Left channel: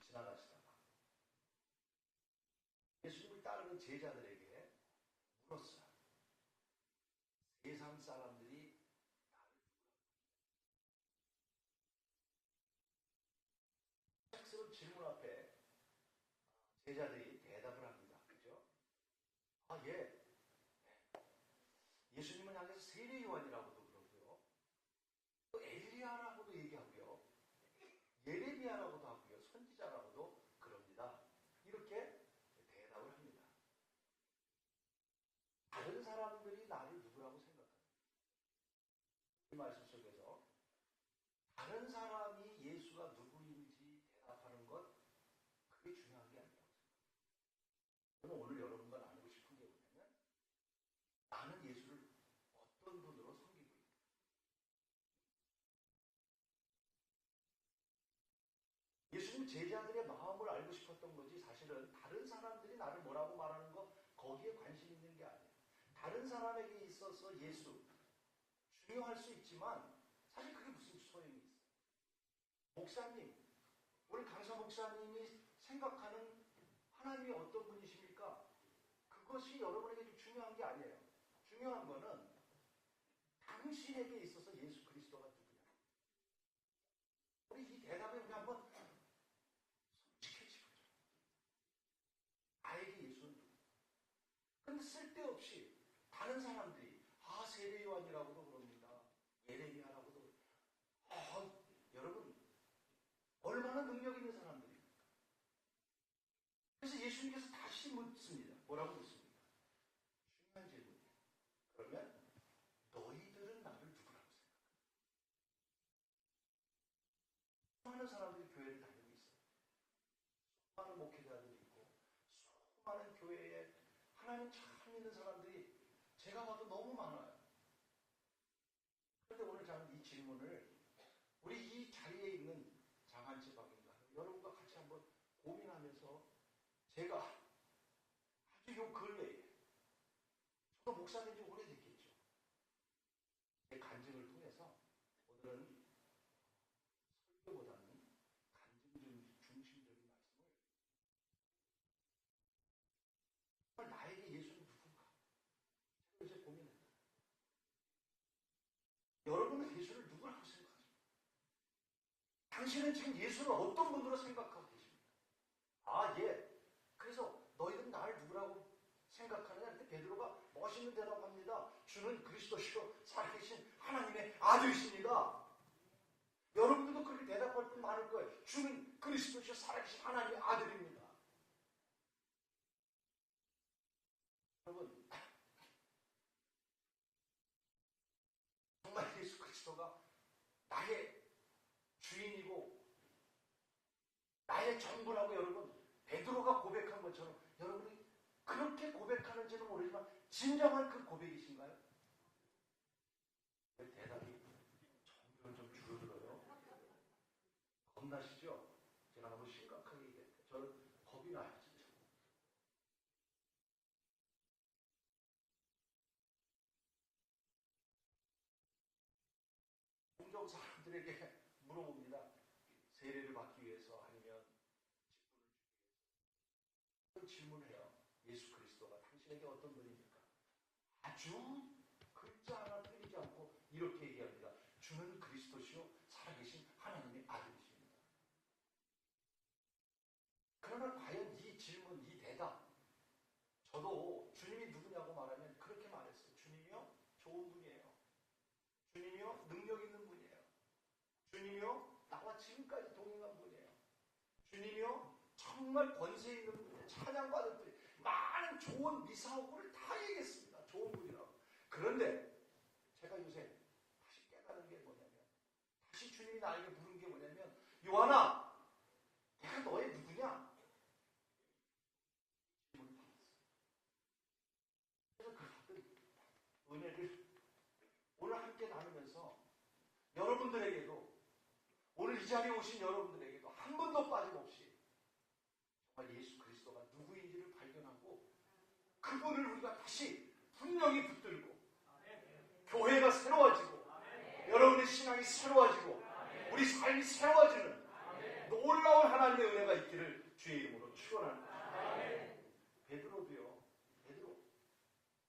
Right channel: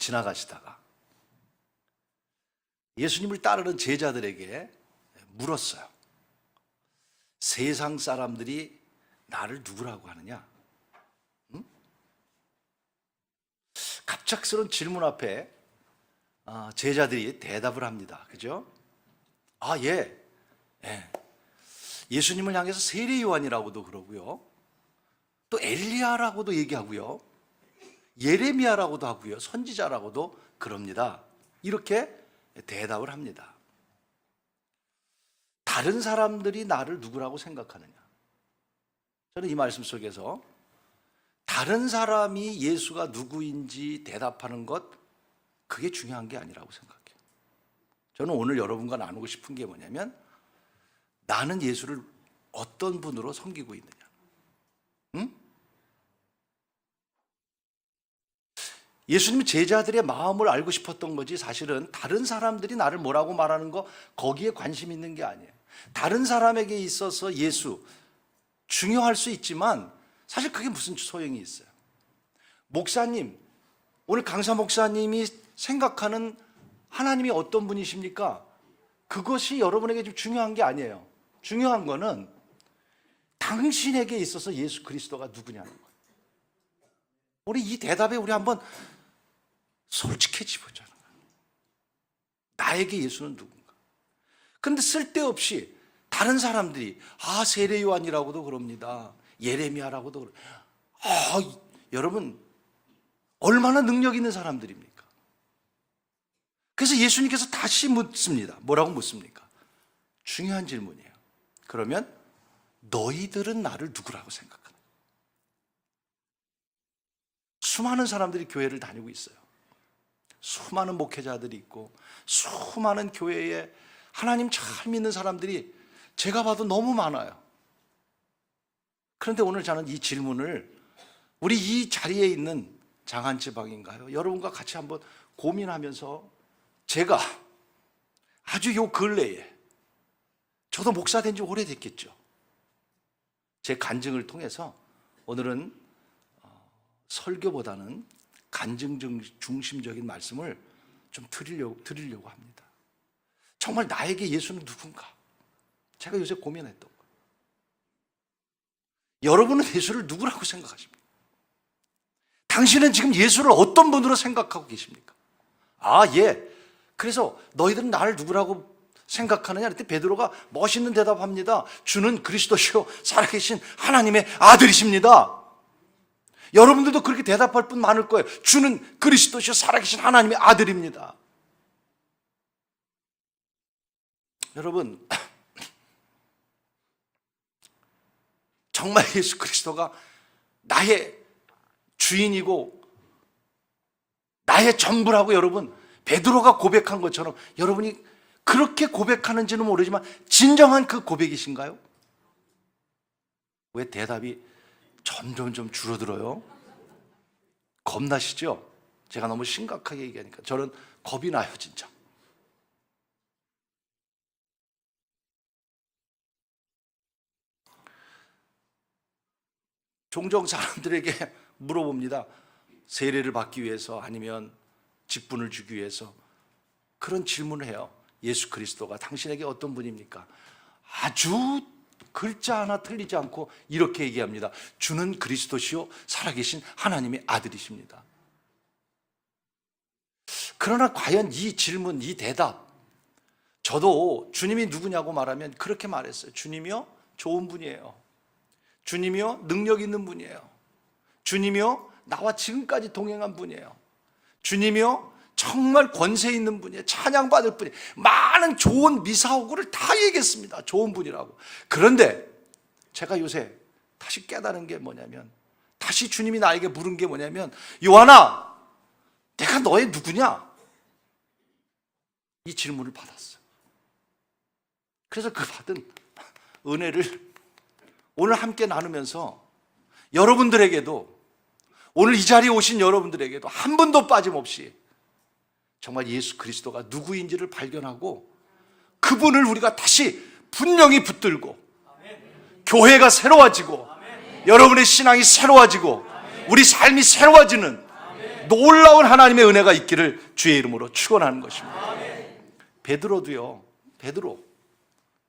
지나가시다가 예수님을 따르는 제자들에게 물었어요. 세상 사람들이 나를 누구라고 하느냐? 응? 갑작스러운 질문 앞에 제자들이 대답을 합니다. 그죠? 예. 예수님을 향해서 세례 요한이라고도 그러고요. 또 엘리야라고도 얘기하고요. 예레미야라고도 하고요. 선지자라고도 그럽니다. 이렇게 대답을 합니다. 다른 사람들이 나를 누구라고 생각하느냐? 저는 이 말씀 속에서 다른 사람이 예수가 누구인지 대답하는 것, 그게 중요한 게 아니라고 생각해요. 저는 오늘 여러분과 나누고 싶은 게 뭐냐면, 나는 예수를 어떤 분으로 섬기고 있느냐? 응? 예수님은 제자들의 마음을 알고 싶었던 거지, 사실은 다른 사람들이 나를 뭐라고 말하는 거, 거기에 관심 있는 게 아니에요. 다른 사람에게 있어서 예수 중요할 수 있지만 사실 그게 무슨 소용이 있어요. 목사님, 오늘 강사 목사님이 생각하는 하나님이 어떤 분이십니까? 그것이 여러분에게 좀 중요한 게 아니에요. 중요한 거는 당신에게 있어서 예수 그리스도가 누구냐는 거예요. 우리 이 대답에 우리 한번 솔직해지보자는 거예요. 나에게 예수는 누군가? 그런데 쓸데없이 다른 사람들이 세례 요한이라고도 그럽니다. 예레미야라고도 그래요. 여러분, 얼마나 능력 있는 사람들입니까? 그래서 예수님께서 다시 묻습니다. 뭐라고 묻습니까? 중요한 질문이에요. 그러면 너희들은 나를 누구라고 생각하나? 수많은 사람들이 교회를 다니고 있어요. 수많은 목회자들이 있고 수많은 교회에 하나님 잘 믿는 사람들이 제가 봐도 너무 많아요. 그런데 오늘 저는 이 질문을 우리 이 자리에 있는 장한지방인가요? 여러분과 같이 한번 고민하면서, 제가 아주 요 근래에, 저도 목사 된 지 오래됐겠죠. 제 간증을 통해서 오늘은 설교보다는 간증 중심적인 말씀을 좀 드리려고 합니다. 정말 나에게 예수는 누군가? 제가 요새 고민했던 거예요. 여러분은 예수를 누구라고 생각하십니까? 당신은 지금 예수를 어떤 분으로 생각하고 계십니까? 그래서 너희들은 나를 누구라고 생각하느냐? 그때 베드로가 멋있는 대답합니다. 주는 그리스도시요 살아계신 하나님의 아들이십니다. 여러분들도 그렇게 대답할 분 많을 거예요. 주는 그리스도시요 살아계신 하나님의 아들입니다. 여러분, 정말 예수 그리스도가 나의 주인이고 나의 전부라고 여러분, 베드로가 고백한 것처럼 여러분이 그렇게 고백하는지는 모르지만 진정한 그 고백이신가요? 왜 대답이 점점 좀 줄어들어요? 겁나시죠? 제가 너무 심각하게 얘기하니까 저는 겁이 나요, 진짜. 종종 사람들에게 물어봅니다. 세례를 받기 위해서, 아니면 직분을 주기 위해서 그런 질문을 해요. 예수 그리스도가 당신에게 어떤 분입니까? 아주 글자 하나 틀리지 않고 이렇게 얘기합니다. 주는 그리스도시요 살아계신 하나님의 아들이십니다. 그러나 과연 이 질문, 이 대답, 저도 주님이 누구냐고 말하면 그렇게 말했어요. 주님이요 좋은 분이에요. 주님이요 능력 있는 분이에요. 주님이요 나와 지금까지 동행한 분이에요. 주님이요 정말 권세 있는 분이에요. 찬양받을 분이에요. 많은 좋은 미사오구를 다 얘기했습니다. 좋은 분이라고. 그런데 제가 요새 다시 깨달은 게 뭐냐면, 다시 주님이 나에게 물은 게 뭐냐면, 요한아, 내가 너의 누구냐? 이 질문을 받았어요. 그래서 그 받은 은혜를 오늘 함께 나누면서 여러분들에게도, 오늘 이 자리에 오신 여러분들에게도 한 분도 빠짐없이 정말 예수 그리스도가 누구인지를 발견하고 그분을 우리가 다시 분명히 붙들고 교회가 새로워지고 여러분의 신앙이 새로워지고 우리 삶이 새로워지는 놀라운 하나님의 은혜가 있기를 주의 이름으로 축원하는 것입니다. 베드로도요. 베드로,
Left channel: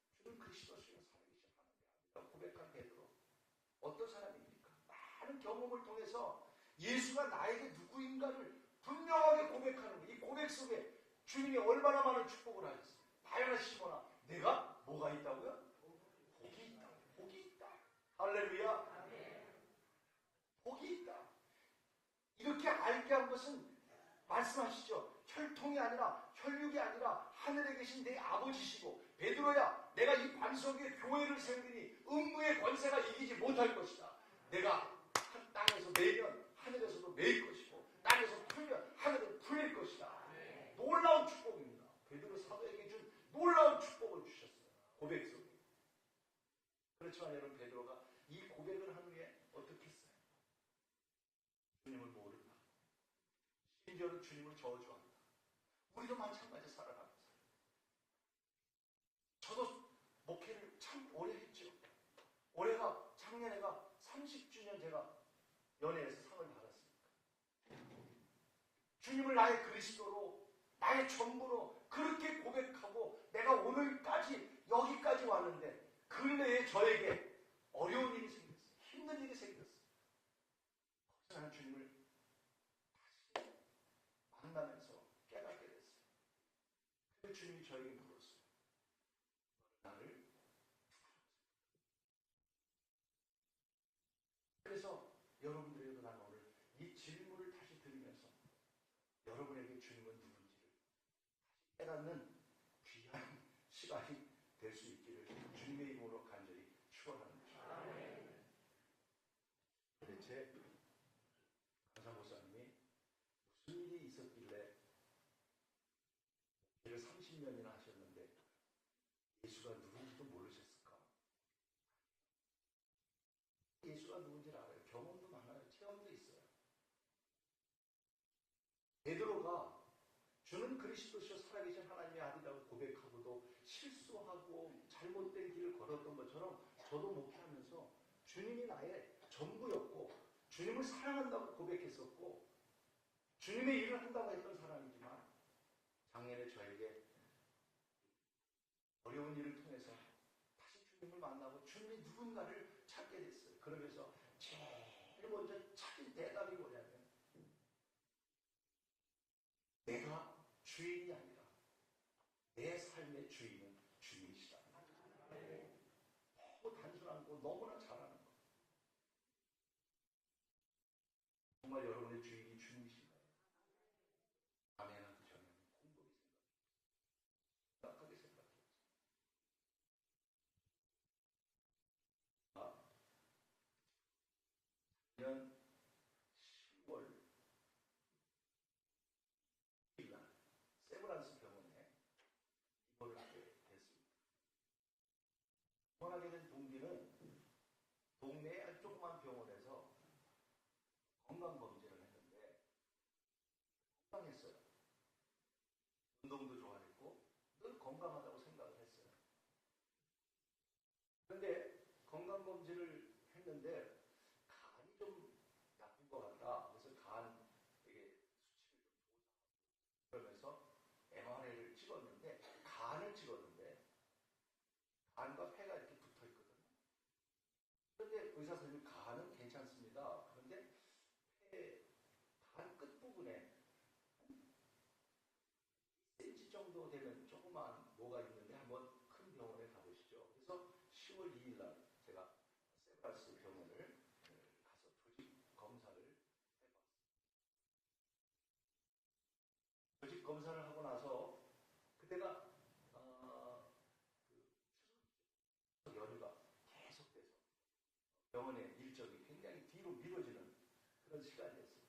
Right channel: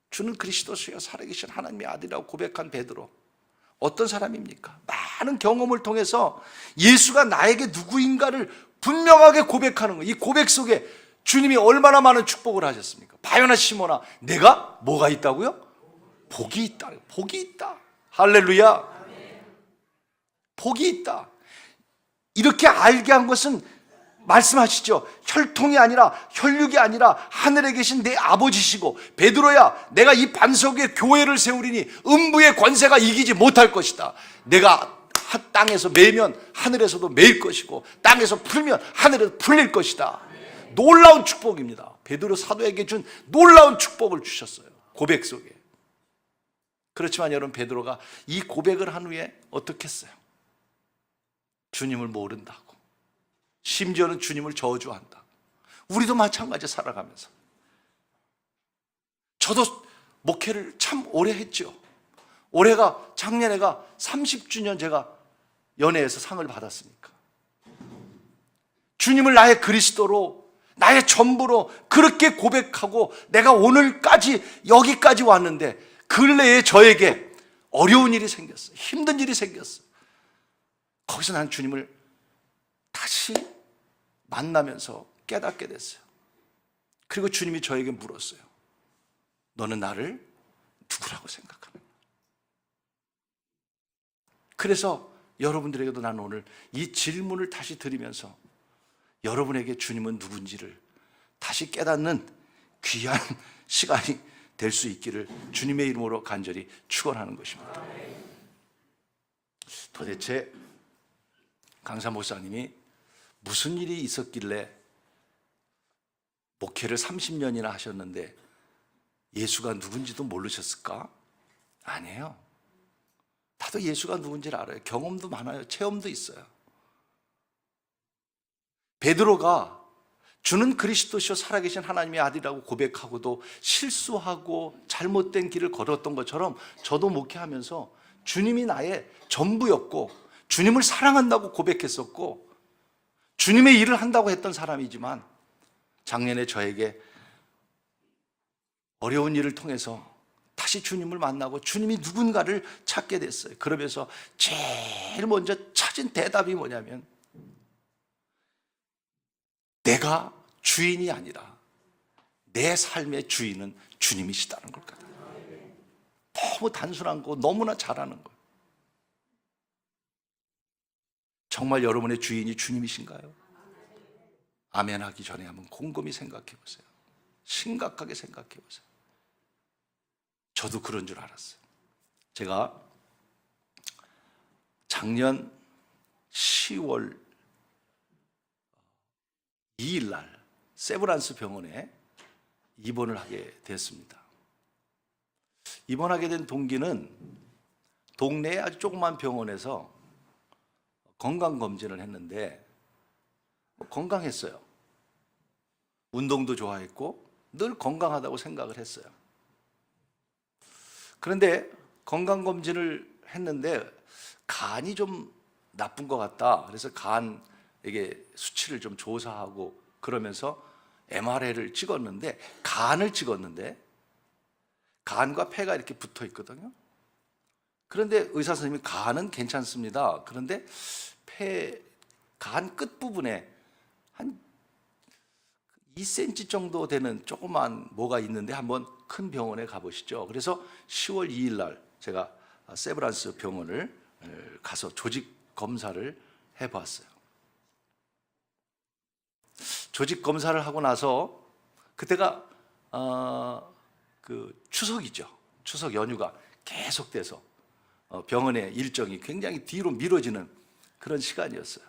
주는 그리스도시요 살아계신 하나님의 아들이라고 고백한 베드로, 어떤 사람입니까? 많은 경험을 통해서 예수가 나에게 누구인가를 분명하게 고백하는 거예요. 이 고백 속에 주님이 얼마나 많은 축복을 하셨습니까? 바요나 시몬아, 내가 뭐가 있다고요? 복이 있다. 복이 있다. 할렐루야. 복이 있다. 이렇게 알게 한 것은 말씀하시죠. 혈통이 아니라 혈육이 아니라 하늘에 계신 내 아버지시고, 베드로야 내가 이 반석 위에 교회를 세우리니 음부의 권세가 이기지 못할 것이다. 내가 땅에서 매면 하늘에서도 매일 것이고 땅에서 풀면 하늘에서 풀릴 것이다. 놀라운 축복입니다. 베드로 사도에게 준 놀라운 축복을 주셨어요. 고백 속에. 그렇지만 여러분, 베드로가 이 고백을 한 후에 어떻게 했어요? 주님을 모른다고, 심지어는 주님을 저주한다. 우리도 마찬가지 살아가면서. 저도 목회를 참 오래 했죠. 올해가, 작년에가 30주년 제가 연예에서 상을 받았으니까. 주님을 나의 그리스도로, 나의 전부로 그렇게 고백하고 내가 오늘까지 여기까지 왔는데, 근래에 저에게 어려운 일이 생겼어요. 힘든 일이 생겼어요. 거기서 난 주님을 다시 만나면서 깨닫게 됐어요. 그리고 주님이 저에게 물었어요. 너는 나를 누구라고 생각하느냐? 그래서 여러분들에게도 나는 오늘 이 질문을 다시 드리면서 여러분에게 주님은 누군지를 다시 깨닫는 귀한 시간이 될 수 있기를 주님의 이름으로 간절히 축원하는 것입니다. 도대체 강사 목사님이 무슨 일이 있었길래 목회를 30년이나 하셨는데 예수가 누군지도 모르셨을까? 아니에요. 다들 예수가 누군지를 알아요. 경험도 많아요. 체험도 있어요. 베드로가 주는 그리스도시요 살아계신 하나님의 아들이라고 고백하고도 실수하고 잘못된 길을 걸었던 것처럼 저도 목회하면서 주님이 나의 전부였고 주님을 사랑한다고 고백했었고 주님의 일을 한다고 했던 사람이지만, 작년에 저에게 어려운 일을 통해서 다시 주님을 만나고 주님이 누군가를 찾게 됐어요. 그러면서 제일 먼저 찾은 대답이 뭐냐면, 내가 주인이 아니라 내 삶의 주인은 주님이시다는 걸 같아요. 너무 단순한 거, 너무나 잘하는 거. 정말 여러분의 주인이 주님이신가요? 아멘 하기 전에 한번 곰곰이 생각해 보세요. 심각하게 생각해 보세요. 저도 그런 줄 알았어요. 제가 작년 10월 2일 날 세브란스 병원에 입원을 하게 됐습니다. 입원하게 된 동기는 동네에 아주 조그만 병원에서 건강검진을 했는데 건강했어요. 운동도 좋아했고 늘 건강하다고 생각을 했어요. 그런데 건강검진을 했는데 간이 좀 나쁜 것 같다. 그래서 간에게 수치를 좀 조사하고 그러면서 MRI를 찍었는데, 간을 찍었는데 간과 폐가 이렇게 붙어 있거든요. 그런데 의사 선생님이 간은 괜찮습니다. 그런데 간 끝부분에 한 2cm 정도 되는 조그만 뭐가 있는데 한번 큰 병원에 가보시죠. 그래서 10월 2일 날 제가 세브란스 병원을 가서 조직 검사를 해봤어요. 조직 검사를 하고 나서 그때가 그 추석이죠. 추석 연휴가 계속돼서 병원의 일정이 굉장히 뒤로 미뤄지는 그런 시간이었어요.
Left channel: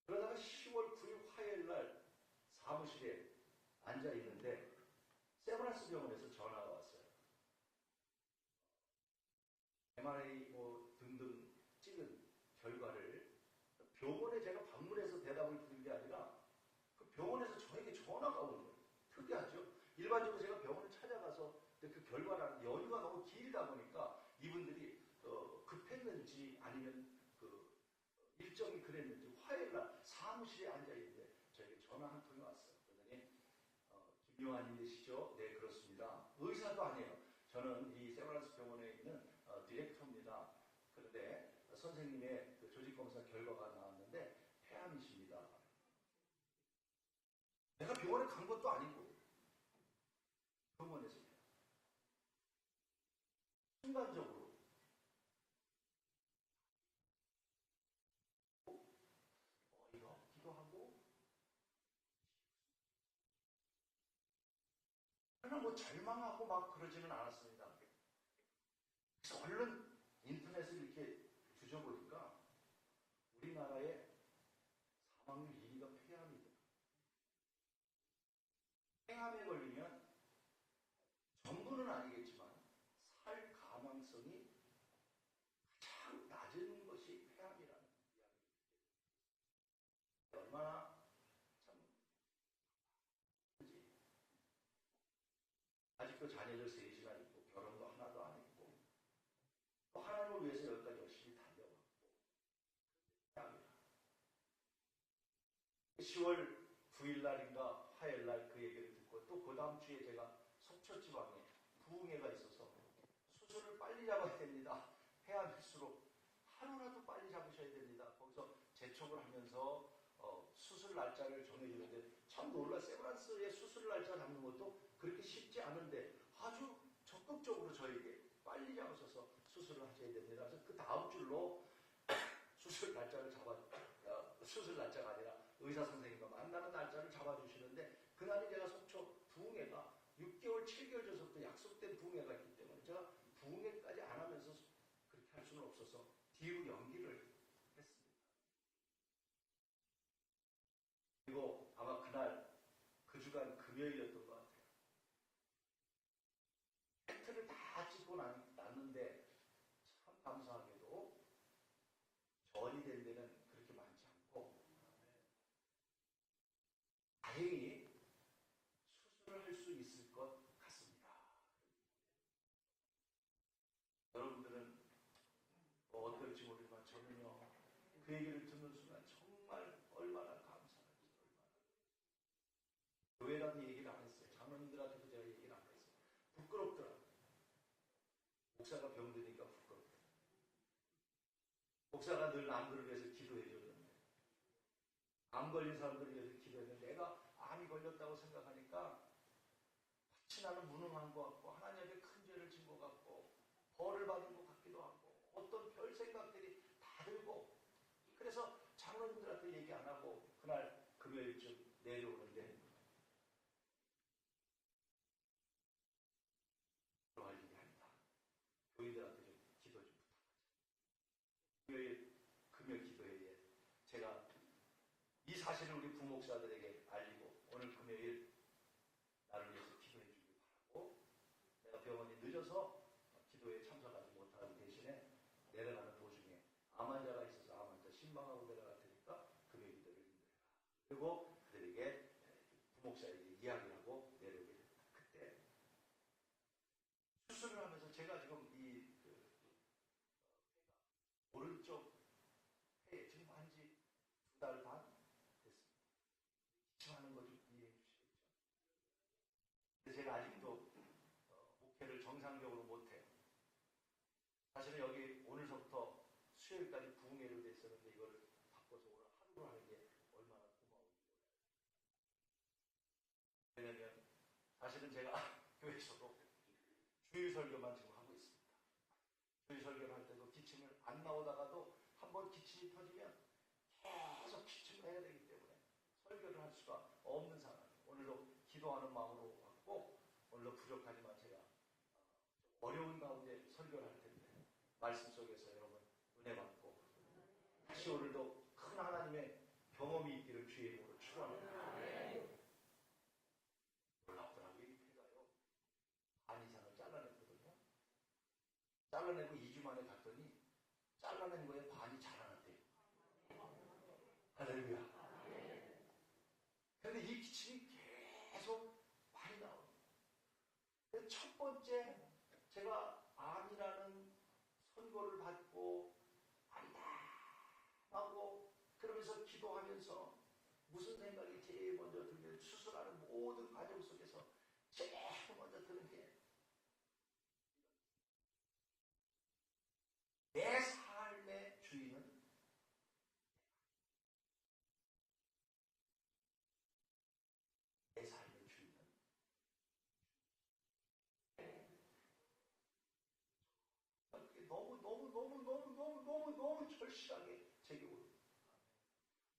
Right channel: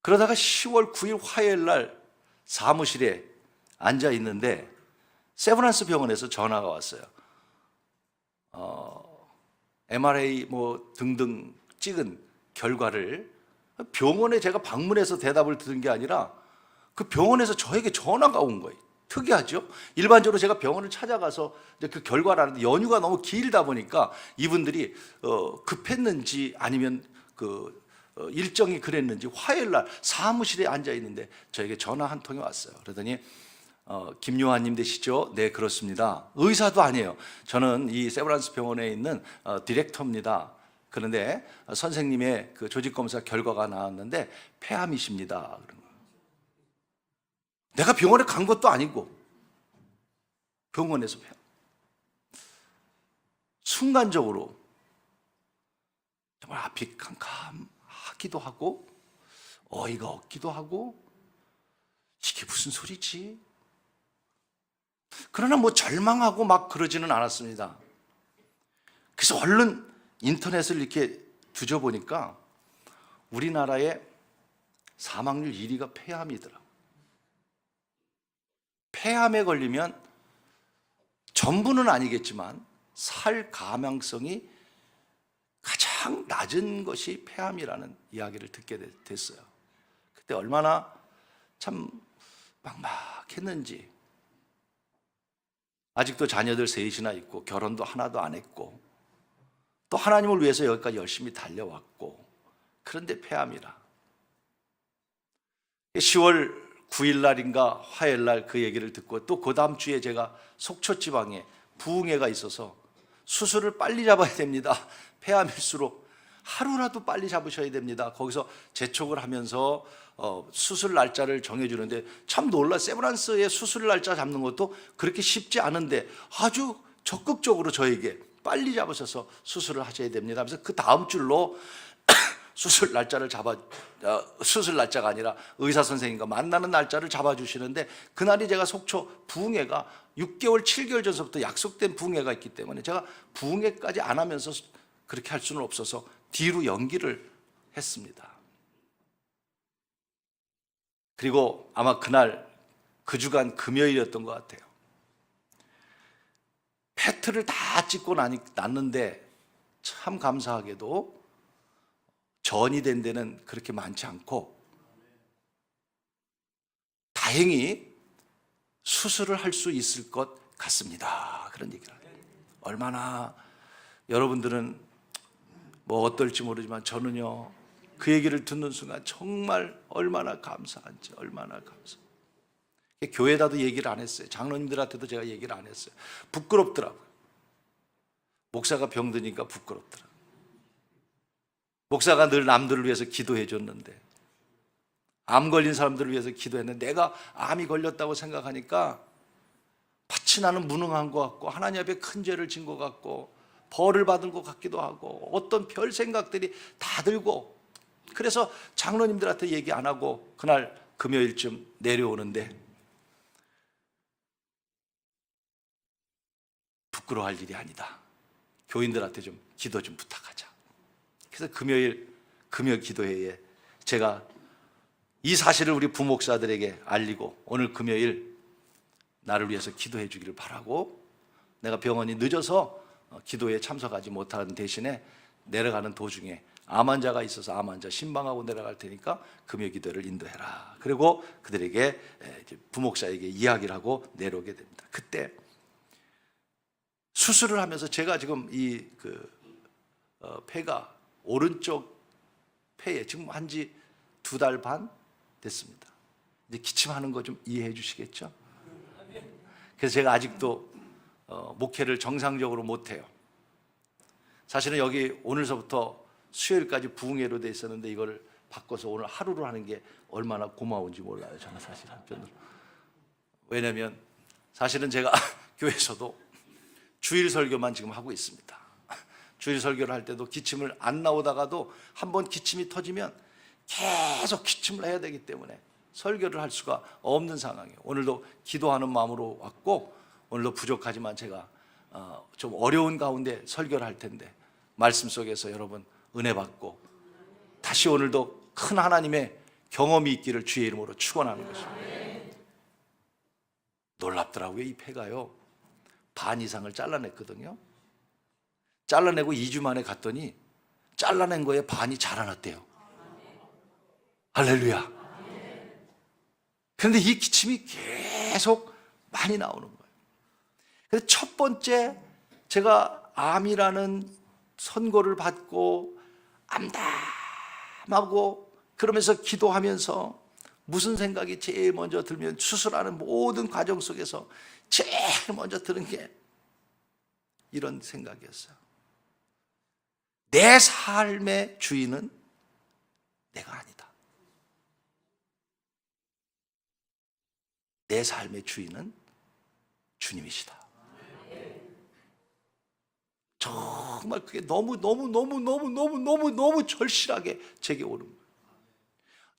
그러다가 10월 9일 화요일 날 사무실에 앉아 있는데 세브란스 병원에서 전화가 왔어요. MRI 뭐 등등 찍은 결과를 병원에 제가 방문해서 대답을 들은 게 아니라 그 병원에서 저에게 전화가 온 거예요. 특이하죠? 일반적으로 제가 병원을 찾아가서 이제 그 결과를 하는데 연휴가 너무 길다 보니까 이분들이 급했는지 아니면 그 일정이 그랬는지 화요일 날 사무실에 앉아 있는데 저에게 전화 한 통이 왔어요. 그러더니 김요한님 되시죠? 네, 그렇습니다. 의사도 아니에요. 저는 이 세브란스 병원에 있는 디렉터입니다. 그런데 선생님의 그 조직검사 결과가 나왔는데 폐암이십니다. 그런 거예요. 내가 병원에 간 것도 아니고 병원에서 폐암. 순간적으로 정말 앞이 캄캄하기도 하고 어이가 없기도 하고 이게 무슨 소리지? 그러나 뭐 절망하고 막 그러지는 않았습니다. 그래서 얼른 인터넷을 이렇게 뒤져보니까 우리나라의 사망률 1위가 폐암이더라고요. 폐암에 걸리면 전부는 아니겠지만 살 가망성이 가장 낮은 것이 폐암이라는 이야기를 듣게 됐어요. 그때 얼마나 참 막막했는지. 아직도 자녀들 셋이나 있고 결혼도 하나도 안 했고 또 하나님을 위해서 여기까지 열심히 달려왔고, 그런데 폐암이라. 10월 9일 날인가 화요일 날 그 얘기를 듣고 또 그 다음 주에 제가 속초 지방에 부흥회가 있어서 수술을 빨리 잡아야 됩니다. 폐암일수록 하루라도 빨리 잡으셔야 됩니다. 거기서 재촉을 하면서 수술 날짜를 정해주는데 참 놀라. 세브란스의 수술 날짜 잡는 것도 그렇게 쉽지 않은데 아주 적극적으로 저에게 빨리 잡으셔서 수술을 하셔야 됩니다. 그래서 그 다음 줄로 수술 날짜가 아니라 의사 선생님과 만나는 날짜를 잡아주시는데, 그날이 제가 속초 부흥회가 6개월 7개월 전서부터 약속된 부흥회가 있기 때문에 제가 부흥회까지 안 하면서 그렇게 할 수는 없어서 뒤로 연기를 했습니다. 그리고 아마 그날 그 주간 금요일이었던 것 같아요. 페트를 다 찍고 났는데 참 감사하게도 전이 된 데는 그렇게 많지 않고 다행히 수술을 할 수 있을 것 같습니다. 그런 얘기를 해요. 얼마나 여러분들은 뭐 어떨지 모르지만 저는요, 그 얘기를 듣는 순간 정말 얼마나 감사한지, 얼마나 감사. 교회에다도 얘기를 안 했어요. 장로님들한테도 제가 얘기를 안 했어요. 부끄럽더라고요. 목사가 병드니까 부끄럽더라고요. 목사가 늘 남들을 위해서 기도해 줬는데, 암 걸린 사람들을 위해서 기도했는데 내가 암이 걸렸다고 생각하니까 마치 나는 무능한 것 같고 하나님 앞에 큰 죄를 진 것 같고 벌을 받은 것 같기도 하고 어떤 별 생각들이 다 들고, 그래서 장로님들한테 얘기 안 하고 그날 금요일쯤 내려오는데 부끄러워할 일이 아니다. 교인들한테 좀 기도 좀 부탁하자. 그래서 금요 기도회에 제가 이 사실을 우리 부목사들에게 알리고 오늘 금요일 나를 위해서 기도해 주기를 바라고, 내가 병원이 늦어서 기도에 참석하지 못하는 대신에 내려가는 도중에 암 환자가 있어서 암 환자 신방하고 내려갈 테니까 금요 기도를 인도해라. 그리고 그들에게 부목사에게 이야기를 하고 내려오게 됩니다. 그때 수술을 하면서 제가 지금 이 폐가 오른쪽 폐에 지금 한지 2달 반 됐습니다. 이제 기침하는 거 좀 이해해 주시겠죠? 그래서 제가 아직도 목회를 정상적으로 못해요. 사실은 여기 오늘서부터 수요일까지 부흥회로 돼 있었는데 이걸 바꿔서 오늘 하루로 하는 게 얼마나 고마운지 몰라요. 저는 사실 한편으로. 왜냐하면 사실은 제가 교회에서도 주일 설교만 지금 하고 있습니다. 주일 설교를 할 때도 기침을 안 나오다가도 한번 기침이 터지면 계속 기침을 해야 되기 때문에 설교를 할 수가 없는 상황이에요. 오늘도 기도하는 마음으로 왔고 오늘도 부족하지만 제가 좀 어려운 가운데 설교를 할 텐데 말씀 속에서 여러분 은혜 받고 다시 오늘도 큰 하나님의 경험이 있기를 주의 이름으로 축원하는 것입니다. 놀랍더라고요. 이 폐가요 반 이상을 잘라냈거든요. 잘라내고 2주 만에 갔더니 잘라낸 거에 반이 자라났대요. 할렐루야. 그런데 이 기침이 계속 많이 나오는 거예요. 그래서 첫 번째 제가 암이라는 선고를 받고 하고 그러면서 기도하면서 무슨 생각이 제일 먼저 들면 수술하는 모든 과정 속에서 제일 먼저 드는 게 이런 생각이었어요. 내 삶의 주인은 내가 아니다. 내 삶의 주인은 주님이시다. 정말 그게 너무 절실하게 제게 오는 거예요.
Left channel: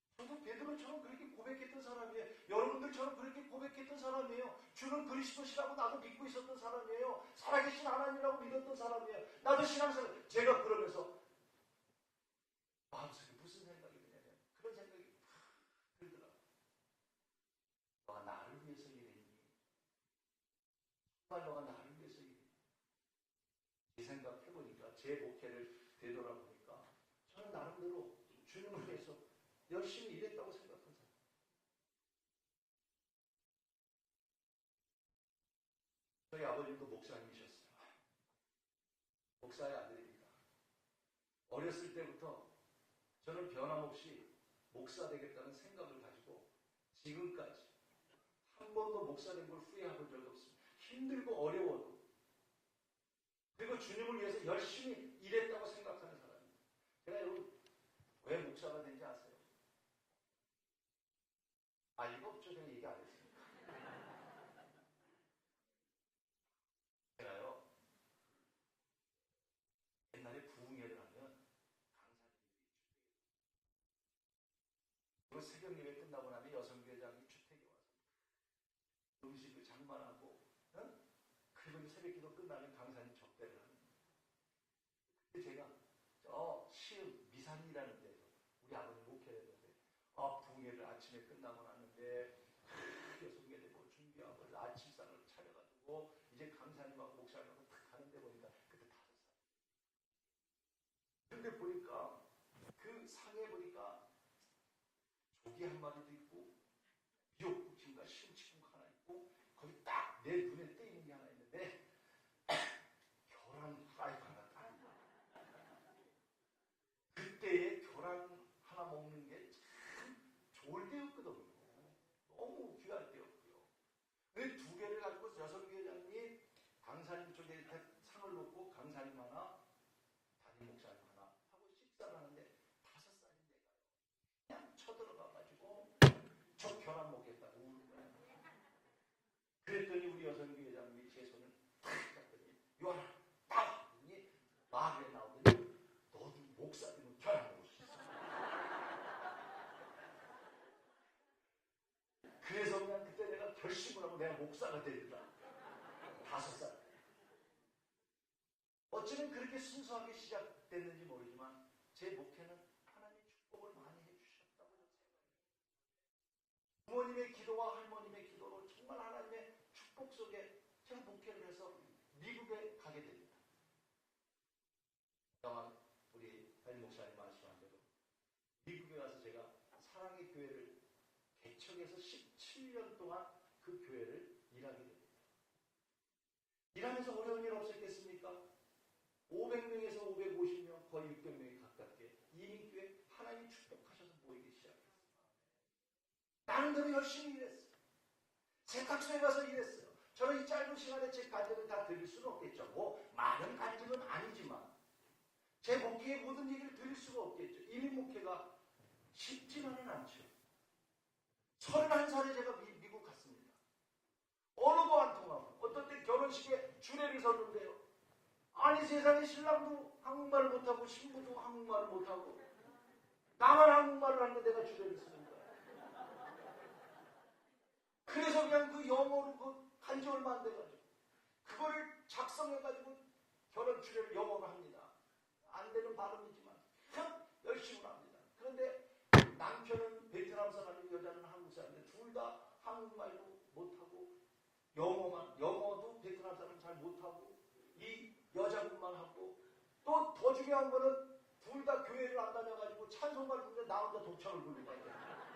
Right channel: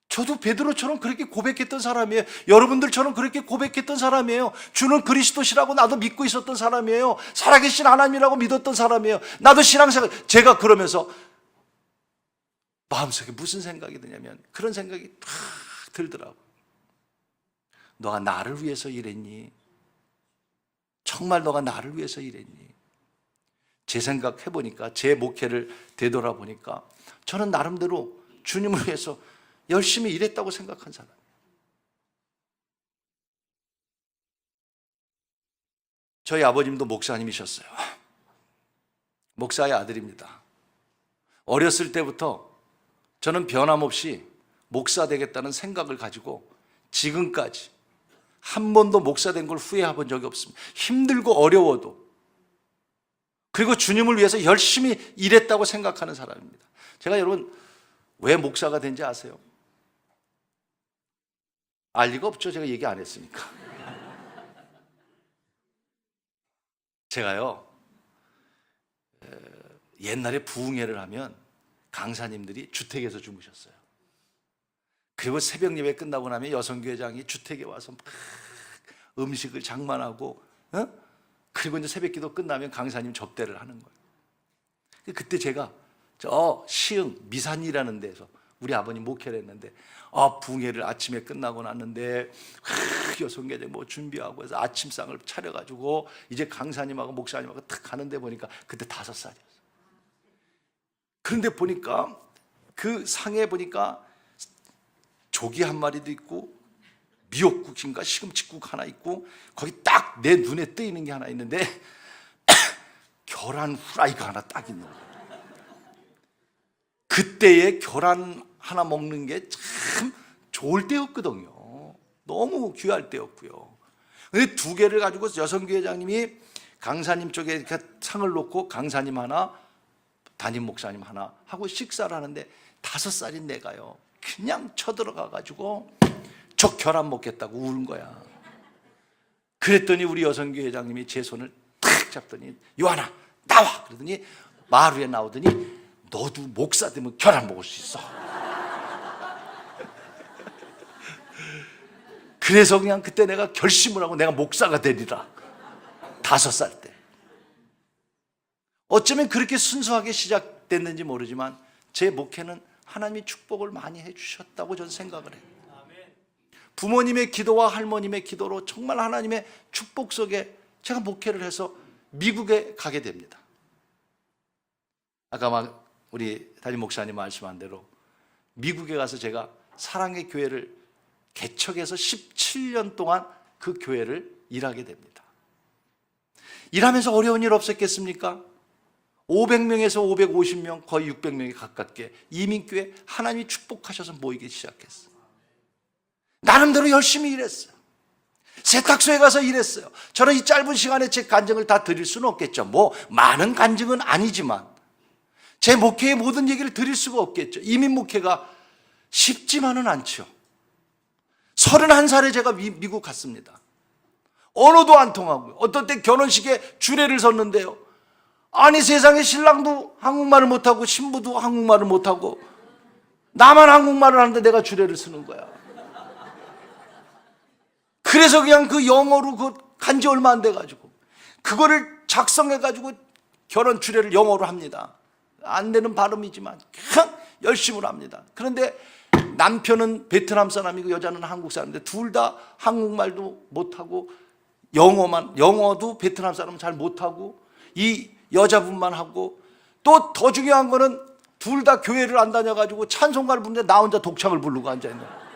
저도 베드로처럼 그렇게 고백했던 사람이에요. 여러분들처럼 그렇게 고백했던 사람이에요. 주는 그리스도시라고 나도 믿고 있었던 사람이에요. 살아계신 하나님이라고 믿었던 사람이에요. 나도 신앙생활, 제가 그러면서 마음속에 무슨 생각이 드냐면 그런 생각이 탁 들더라고요. 너가 나를 위해서 일했니? 정말 너가 나를 위해서 일했니? 제 생각해보니까, 제 목회를 되돌아보니까 저는 나름대로 주님을 위해서 열심히 일했다고 생각한 사람이에요. 저희 아버님도 목사님이셨어요. 목사의 아들입니다. 어렸을 때부터 저는 변함없이 목사 되겠다는 생각을 가지고 지금까지 한 번도 목사 된 걸 후회해본 적이 없습니다. 힘들고 어려워도, 그리고 주님을 위해서 열심히 일했다고 생각하는 사람입니다. 제가 여러분 왜 목사가 된지 아세요? 알 리가 없죠. 제가 얘기 안 했으니까. 제가요 옛날에 부흥회를 하면 강사님들이 주택에서 주무셨어요. 그리고 새벽 예배 끝나고 나면 여성교회장이 주택에 와서 막 음식을 장만하고, 그리고 이제 새벽 기도 끝나면 강사님 접대를 하는 거예요. 그때 제가 저 시흥 미산이라는 데서 우리 아버님 목회를 했는데, 부흥회를 아침에 끝나고 났는데 여성교회 뭐 준비하고 해서 아침상을 차려가지고 이제 강사님하고 목사님하고 탁 가는데 보니까 그때 5살이었어요. 그런데 보니까 그 상에 보니까 조기 한 마리도 있고 미역국인가 시금치국 하나 있고, 거기 딱 내 눈에 뜨이는 게 하나 있는데 계란 후라이가 하나 딱 있는 거예요. 그때의 계란 하나 먹는 게 참 좋을 때였거든요. 너무 귀할 때였고요. 근데 2개를 가지고 여성교회장님이 강사님 쪽에 상을 놓고 강사님 하나, 담임 목사님 하나 하고 식사를 하는데 5살인 내가요 그냥 쳐들어가 가지고 저 계란 먹겠다고 우는 거야. 그랬더니 우리 여성교회장님이 제 손을 탁 잡더니 요한아 나와! 그러더니 마루에 나오더니 너도 목사 되면 계란 먹을 수 있어. 그래서 그냥 그때 내가 결심을 하고 내가 목사가 되리라. 5살 때. 어쩌면 그렇게 순수하게 시작됐는지 모르지만 제 목회는 하나님이 축복을 많이 해주셨다고 저는 생각을 해요. 부모님의 기도와 할머님의 기도로 정말 하나님의 축복 속에 제가 목회를 해서 미국에 가게 됩니다. 아까 막 우리 담임 목사님 말씀한 대로 미국에 가서 제가 사랑의 교회를 개척해서 17년 동안 그 교회를 일하게 됩니다. 일하면서 어려운 일 없었겠습니까? 500명에서 550명, 거의 600명에 가깝게 이민교회 하나님이 축복하셔서 모이기 시작했어요. 나름대로 열심히 일했어요. 세탁소에 가서 일했어요. 저는 이 짧은 시간에 제 간증을 다 드릴 수는 없겠죠. 뭐 많은 간증은 아니지만 제 목회의 모든 얘기를 드릴 수가 없겠죠. 이민 목회가 쉽지만은 않죠. 31살에 제가 미국 갔습니다. 언어도 안 통하고요. 어떤 때 결혼식에 주례를 섰는데요, 아니 세상에 신랑도 한국말을 못하고 신부도 한국말을 못하고 나만 한국말을 하는데 내가 주례를 쓰는 거야. 그래서 그냥 그 영어로 그 간지 얼마 안 돼가지고 그거를 작성해가지고 결혼 주례를 영어로 합니다. 안 되는 발음이지만 그냥 열심히 합니다. 그런데 남편은 베트남 사람이고 여자는 한국 사람인데 둘 다 한국말도 못하고 영어도 베트남 사람은 잘 못하고 이 여자분만 하고, 또 더 중요한 거는 둘 다 교회를 안 다녀가지고 찬송가를 부르는데 나 혼자 독창을 부르고 앉아있는 거예요.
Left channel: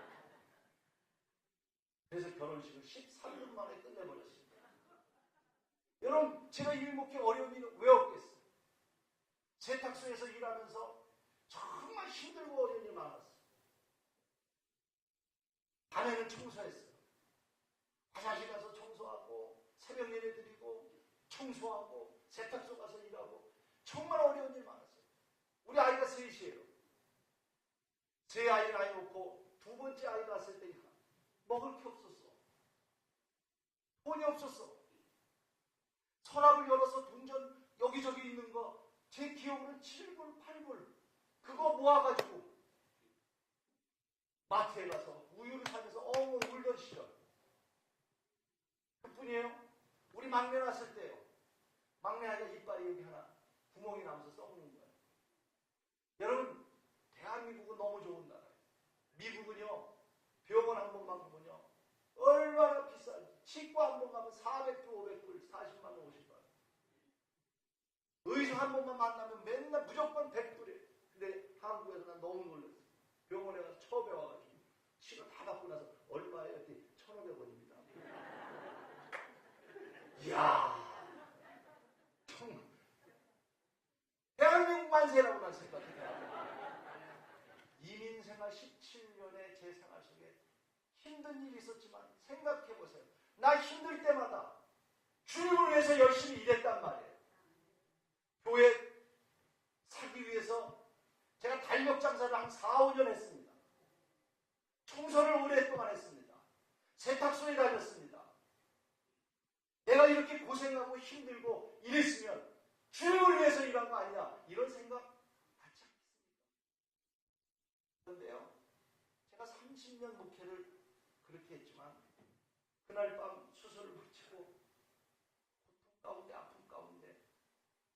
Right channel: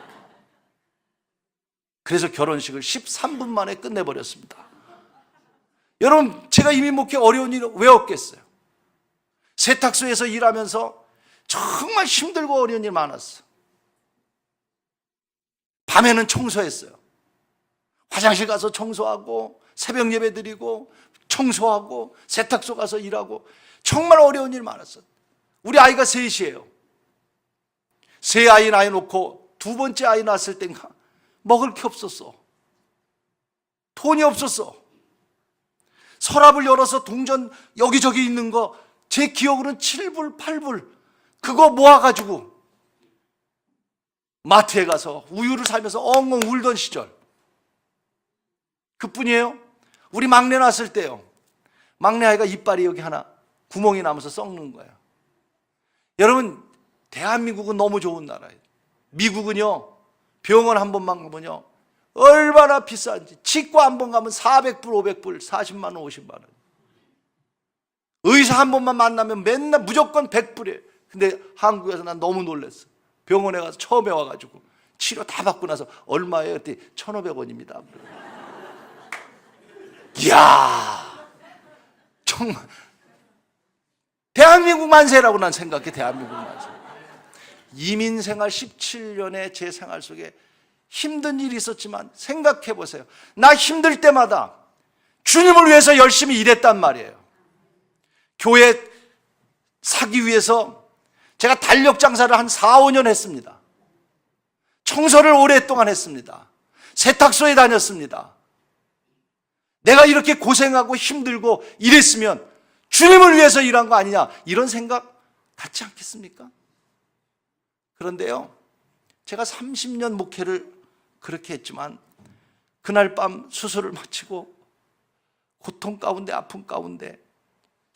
그래서 결혼식을 13분 만에 끝내버렸습니다. 여러분 제가 이민 목회 어려운 일 왜 없겠어요? 세탁소에서 일하면서 정말 힘들고 어려운 일 많았어. 밤에는 청소했어요. 화장실 가서 청소하고 새벽 예배 드리고 청소하고 세탁소 가서 일하고 정말 어려운 일 많았어요. 우리 아이가 셋이에요. 세 아이 낳아 놓고 두 번째 아이 낳았을 땐가 먹을 게 없었어. 돈이 없었어. 서랍을 열어서 동전 여기저기 있는 거 제 기억으로는 7불, 8불 그거 모아가지고 마트에 가서 우유를 사면서 엉엉 울던 시절. 그뿐이에요. 우리 막내 낳았을 때요, 막내 아이가 이빨이 여기 하나 구멍이 나면서 썩는 거예요. 여러분, 대한민국은 너무 좋은 나라예요. 미국은요, 병원 한 번만 가면요 얼마나 비싼지. 치과 한 번 가면 400불, 500불, 40만 원, 50만 원. 의사 한 번만 만나면 맨날 무조건 100불이에요. 근데 한국에서 난 너무 놀랐어. 병원에 가서 처음에 와가지고 치료 다 받고 나서 얼마예요? 그때 1,500원입니다. 이야, 정말 대한민국 만세라고 난 생각해. 대한민국 만세. 이민 생활 17년의 제 생활 속에 힘든 일이 있었지만 생각해 보세요. 나 힘들 때마다 주님을 위해서 열심히 일했단 말이에요. 교회 사기 위해서 제가 달력 장사를 한 4, 5년 했습니다. 청소를 오랫동안 했습니다. 세탁소에 다녔습니다. 내가 이렇게 고생하고 힘들고 이랬으면 주님을 위해서 일한 거 아니냐, 이런 생각 갖지 않겠습니까? 그런데요, 제가 30년 목회를 그렇게 했지만 그날 밤 수술을 마치고 고통 가운데 아픔 가운데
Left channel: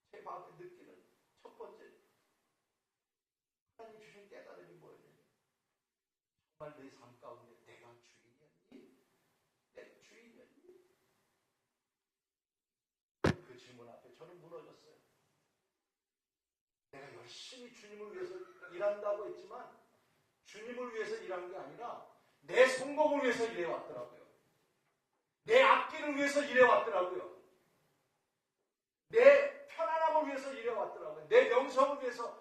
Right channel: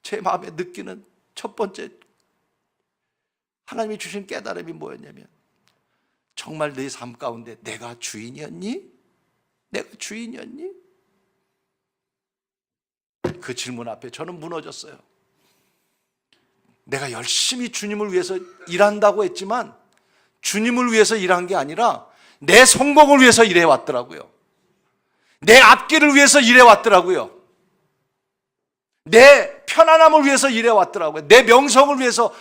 제 마음에 느끼는 첫 번째 하나님이 주신 깨달음이 뭐였냐면, 정말 내 삶 가운데 내가 주인이었니? 내가 주인이었니? 그 질문 앞에 저는 무너졌어요. 내가 열심히 주님을 위해서 일한다고 했지만 주님을 위해서 일한 게 아니라 내 성공을 위해서 일해왔더라고요. 내 앞길을 위해서 일해왔더라고요. 내 편안함을 위해서 일해왔더라고요. 내 명성을 위해서.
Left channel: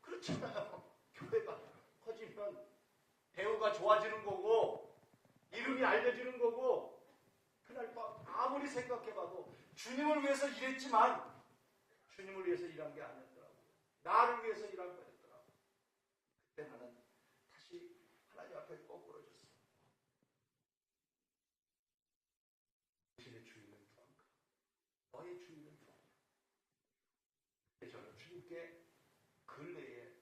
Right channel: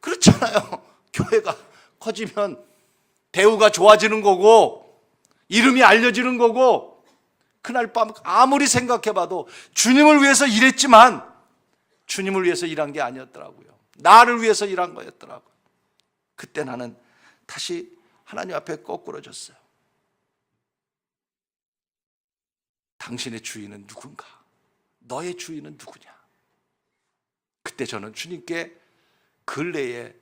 그렇잖아요. 교회가 커지면 대우가 좋아지는 거고 이름이 알려지는 거고. 그날 밤 아무리 생각해봐도 주님을 위해서 일했지만 주님을 위해서 일한 게 아니었더라고요. 나를 위해서 일한 거였더라고요. 그때 나는 다시 하나님 앞에 거꾸러졌어요. 당신의 주인은 누군가? 너의 주인은 누구냐? 그때 저는 주님께 근래에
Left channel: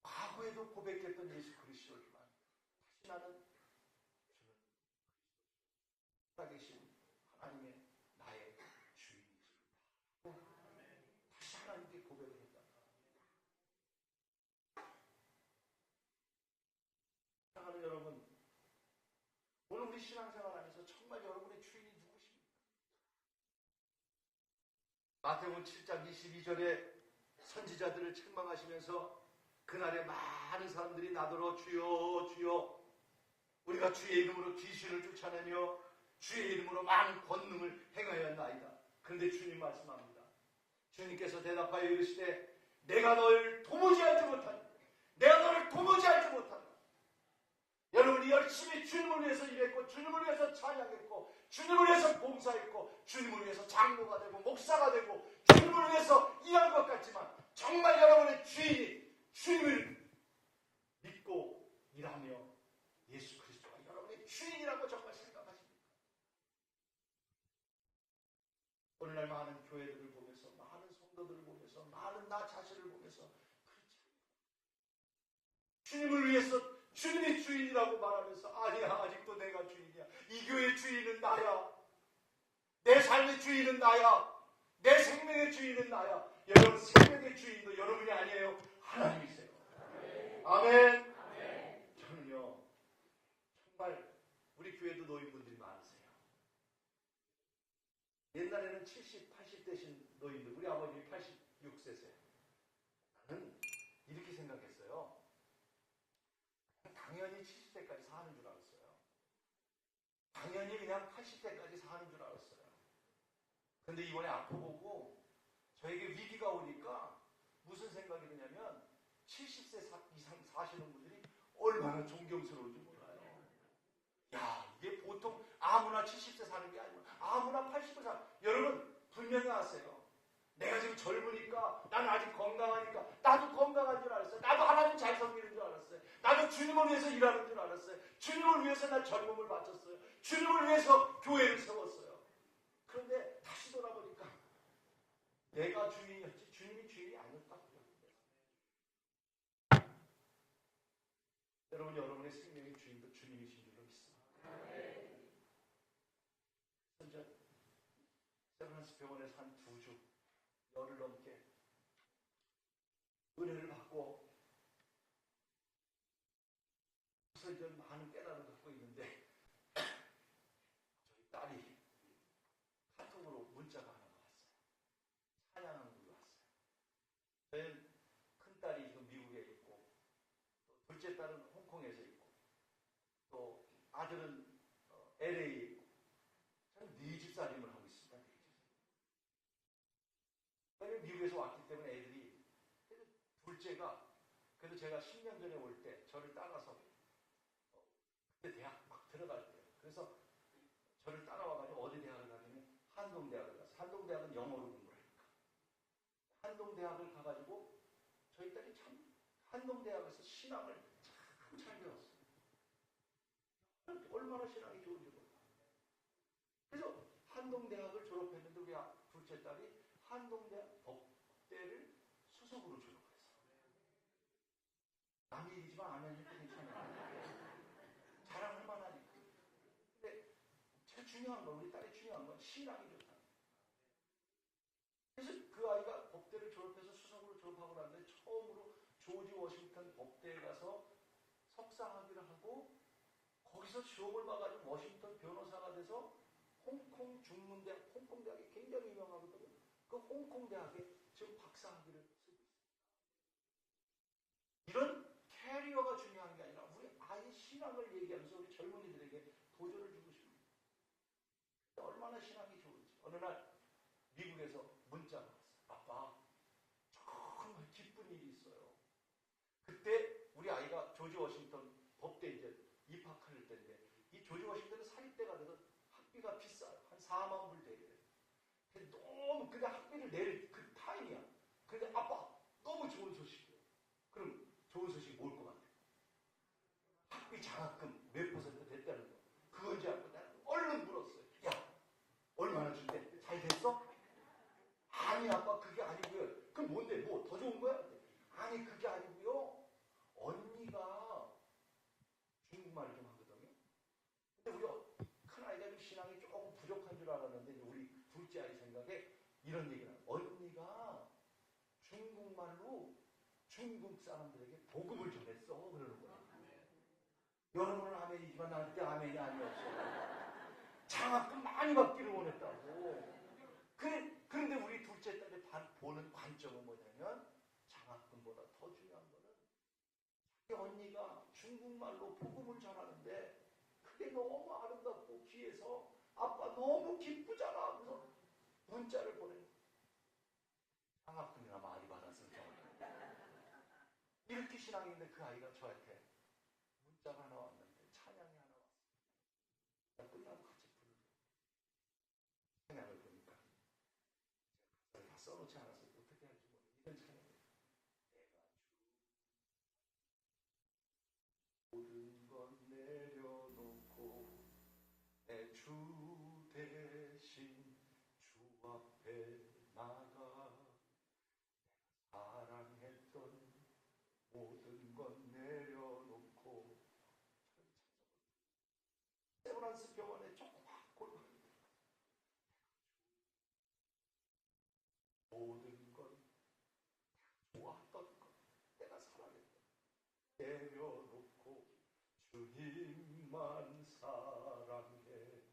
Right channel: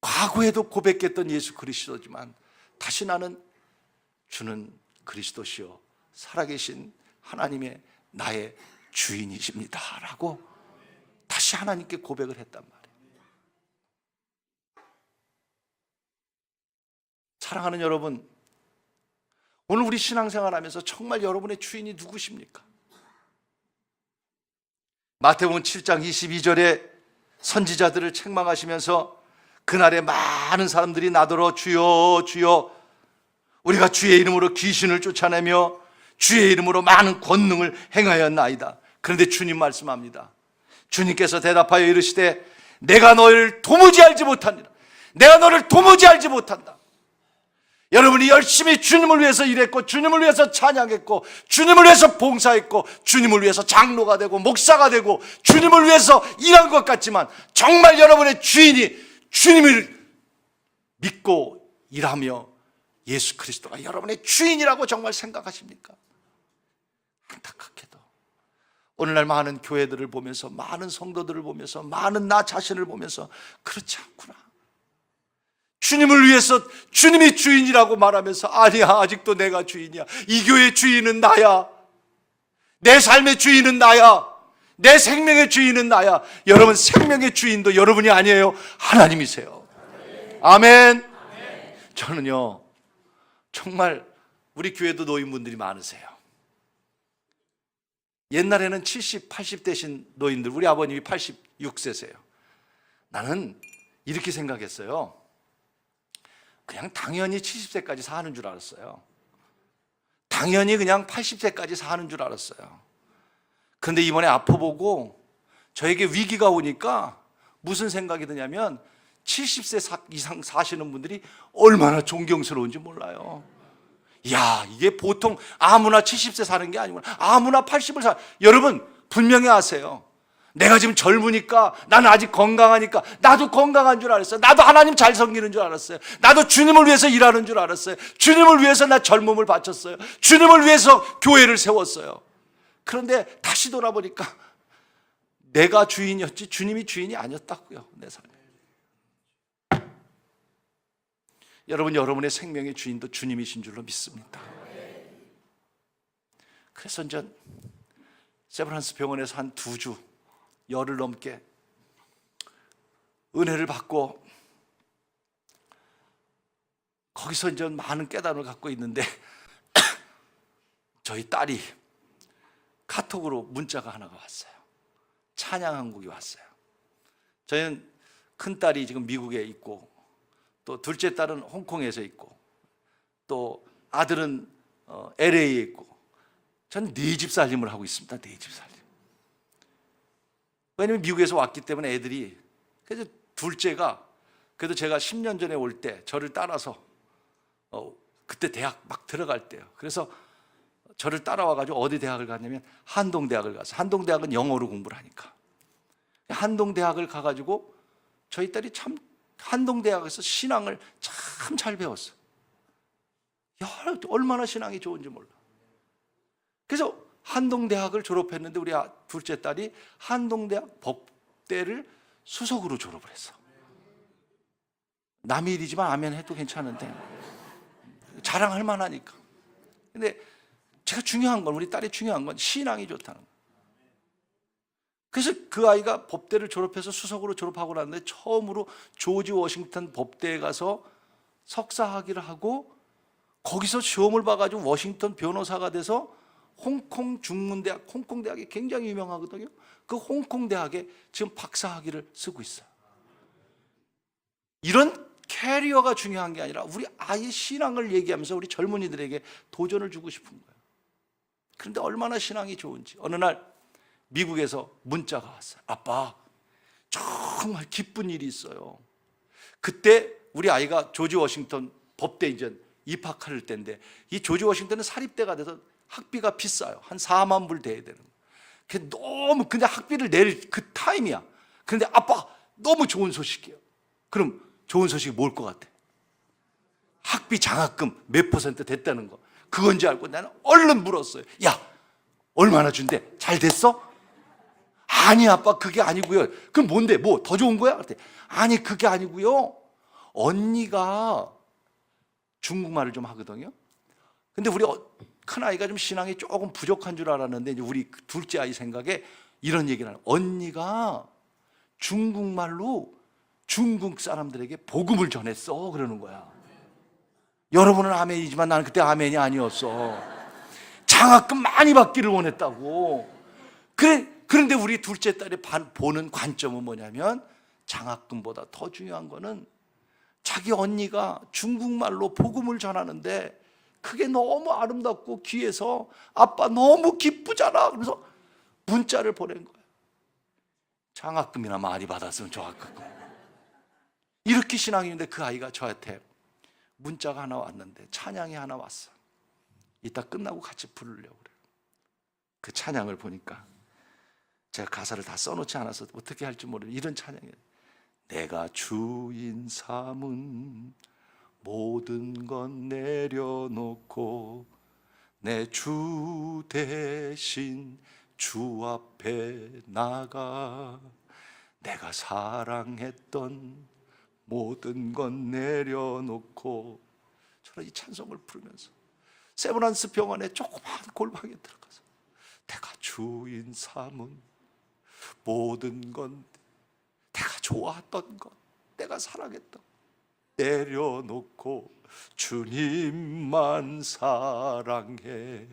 과거에도 고백했던 예수 그리스도지만 다시 나는 주는 그리스도시요 살아계신 하나님의 나의 주인이십니다 라고 다시 하나님께 고백을 했단 말이에요. 사랑하는 여러분, 오늘 우리 신앙생활 하면서 정말 여러분의 주인이 누구십니까? 마태복음 7장 22절에 선지자들을 책망하시면서 그날에 많은 사람들이 나더러 주여 주여 우리가 주의 이름으로 귀신을 쫓아내며 주의 이름으로 많은 권능을 행하였나이다. 그런데 주님 말씀합니다. 주님께서 대답하여 이르시되 내가 너를 도무지 알지 못하니라. 내가 너를 도무지 알지 못한다. 여러분이 열심히 주님을 위해서 일했고 주님을 위해서 찬양했고 주님을 위해서 봉사했고 주님을 위해서 장로가 되고 목사가 되고 주님을 위해서 일한 것 같지만 정말 여러분의 주인이 주님을 믿고 일하며 예수 그리스도가 여러분의 주인이라고 정말 생각하십니까? 안타깝게도 오늘날 많은 교회들을 보면서 많은 성도들을 보면서 많은 나 자신을 보면서 그렇지 않구나. 주님을 위해서 주님이 주인이라고 말하면서 아니야, 아직도 내가 주인이야. 이 교회의 주인은 나야. 내 삶의 주인은 나야. 내 생명의 주인은 나야. 여러분 생명의 주인도 여러분이 아니에요. 하나님이세요. 아멘. 저는요 정말 우리 교회도 노인분들이 많으세요. 옛날에는 70, 80 되신 노인들, 우리 아버님이 86세세요. 나는 이렇게 생각했어요. 그냥 당연히 70세까지 사는 줄 알았어요. 당연히 그냥 80세까지 사는 줄 알았어요. 그런데 이번에 아파보고 저에게 위기가 오니까 무슨 생각이 드냐면 70세 이상 사시는 분들이 얼마나 존경스러운지 몰라요. 야, 이게 보통 아무나 70세 사는 게 아니구나. 아무나 80을 여러분 분명히 아세요. 내가 지금 젊으니까, 나는 아직 건강하니까, 나도 건강한 줄 알았어요. 나도 하나님 잘 섬기는 줄 알았어요. 나도 주님을 위해서 일하는 줄 알았어요. 주님을 위해서 나 젊음을 바쳤어요. 주님을 위해서 교회를 세웠어요. 그런데 다시 돌아보니까 내가 주인이었지 주님이 주인이 아니었다고요. 내 삶에. 여러분, 여러분의 생명의 주인도 주님이신 줄로 믿습니다. 그래서 전 세브란스 병원에서 한 2주, 열흘 넘게 은혜를 받고 거기서 이제 많은 깨달음을 갖고 있는데 저희 딸이 카톡으로 문자가 하나가 왔어요. 찬양 한국이 왔어요. 저희는 큰 딸이 지금 미국에 있고, 또 둘째 딸은 홍콩에서 있고, 또 아들은 LA에 있고, 전 4집 살림을 하고 있습니다. 4집 살림. 왜냐면 미국에서 왔기 때문에 애들이, 그래서 둘째가, 그래도 제가 10년 전에 올 때 저를 따라서 그때 대학 막 들어갈 때요. 그래서 저를 따라와가지고 어디 대학을 갔냐면 한동대학을 갔어요. 한동대학은 영어로 공부를 하니까. 한동대학을 가가지고 저희 딸이 참 한동대학에서 신앙을 참 잘 배웠어요. 야, 얼마나 신앙이 좋은지 몰라. 그래서 한동대학을 졸업했는데 우리 둘째 딸이 한동대학 법대를 수석으로 졸업을 했어. 남의 일이지만 아멘 해도 괜찮은데 자랑할 만하니까. 근데 제가 중요한 건, 우리 딸이 중요한 건 신앙이 좋다는 거예요. 그래서 그 아이가 법대를 졸업해서 수석으로 졸업하고 났는데 처음으로 조지 워싱턴 법대에 가서 석사학위를 하고 거기서 시험을 봐가지고 워싱턴 변호사가 돼서 홍콩 중문대학, 홍콩대학이 굉장히 유명하거든요. 그 홍콩대학에 지금 박사학위를 쓰고 있어요. 이런 캐리어가 중요한 게 아니라 우리 아이의 신앙을 얘기하면서 우리 젊은이들에게 도전을 주고 싶은 거예요. 그런데 얼마나 신앙이 좋은지 어느 날 미국에서 문자가 왔어요. 아빠, 정말 기쁜 일이 있어요. 그때 우리 아이가 조지 워싱턴 법대 이제 입학할 때인데, 이 조지 워싱턴은 사립대가 돼서 학비가 비싸요. 한 4만 불 돼야 되는 거예요. 너무 그냥 학비를 낼 그 타임이야. 그런데 아빠, 너무 좋은 소식이에요. 그럼 좋은 소식이 뭘 것 같아? 학비 장학금 몇 % 됐다는 거. 그건지 알고 나는 얼른 물었어요. 야, 얼마나 준대? 잘 됐어? 아니 아빠, 그게 아니고요. 그럼 뭔데? 뭐 더 좋은 거야? 그랬더니 아니, 그게 아니고요. 언니가 중국말을 좀 하거든요. 근데 우리 큰아이가 좀 신앙이 조금 부족한 줄 알았는데, 이제 우리 둘째 아이 생각에 이런 얘기를 하는, 언니가 중국말로 중국 사람들에게 복음을 전했어, 그러는 거야. 여러분은 아멘이지만 나는 그때 아멘이 아니었어. 장학금 많이 받기를 원했다고. 그런데 우리 둘째 딸이 보는 관점은 뭐냐면, 장학금보다 더 중요한 거는 자기 언니가 중국말로 복음을 전하는데 그게 너무 아름답고 귀해서 아빠 너무 기쁘잖아. 그래서 문자를 보낸 거예요. 장학금이나 많이 받았으면 좋았겠고. 이렇게 신앙인데 그 아이가 저한테 문자가 하나 왔는데, 찬양이 하나 왔어. 이따 끝나고 같이 부르려고 그래요. 그 찬양을 보니까 제가 가사를 다 써놓지 않아서 어떻게 할지 모르겠어요. 이런 찬양이에요. 내가 주인 삼은 모든 건 내려놓고 내 주 대신 주 앞에 나가, 내가 사랑했던 모든 건 내려놓고. 저는 이 찬송을 부르면서 세브란스 병원에 조그마한 골방에 들어가서 내가 주인 삼은 모든 건, 내가 좋아했던 것, 내가 사랑했던 내려놓고 주님만 사랑해.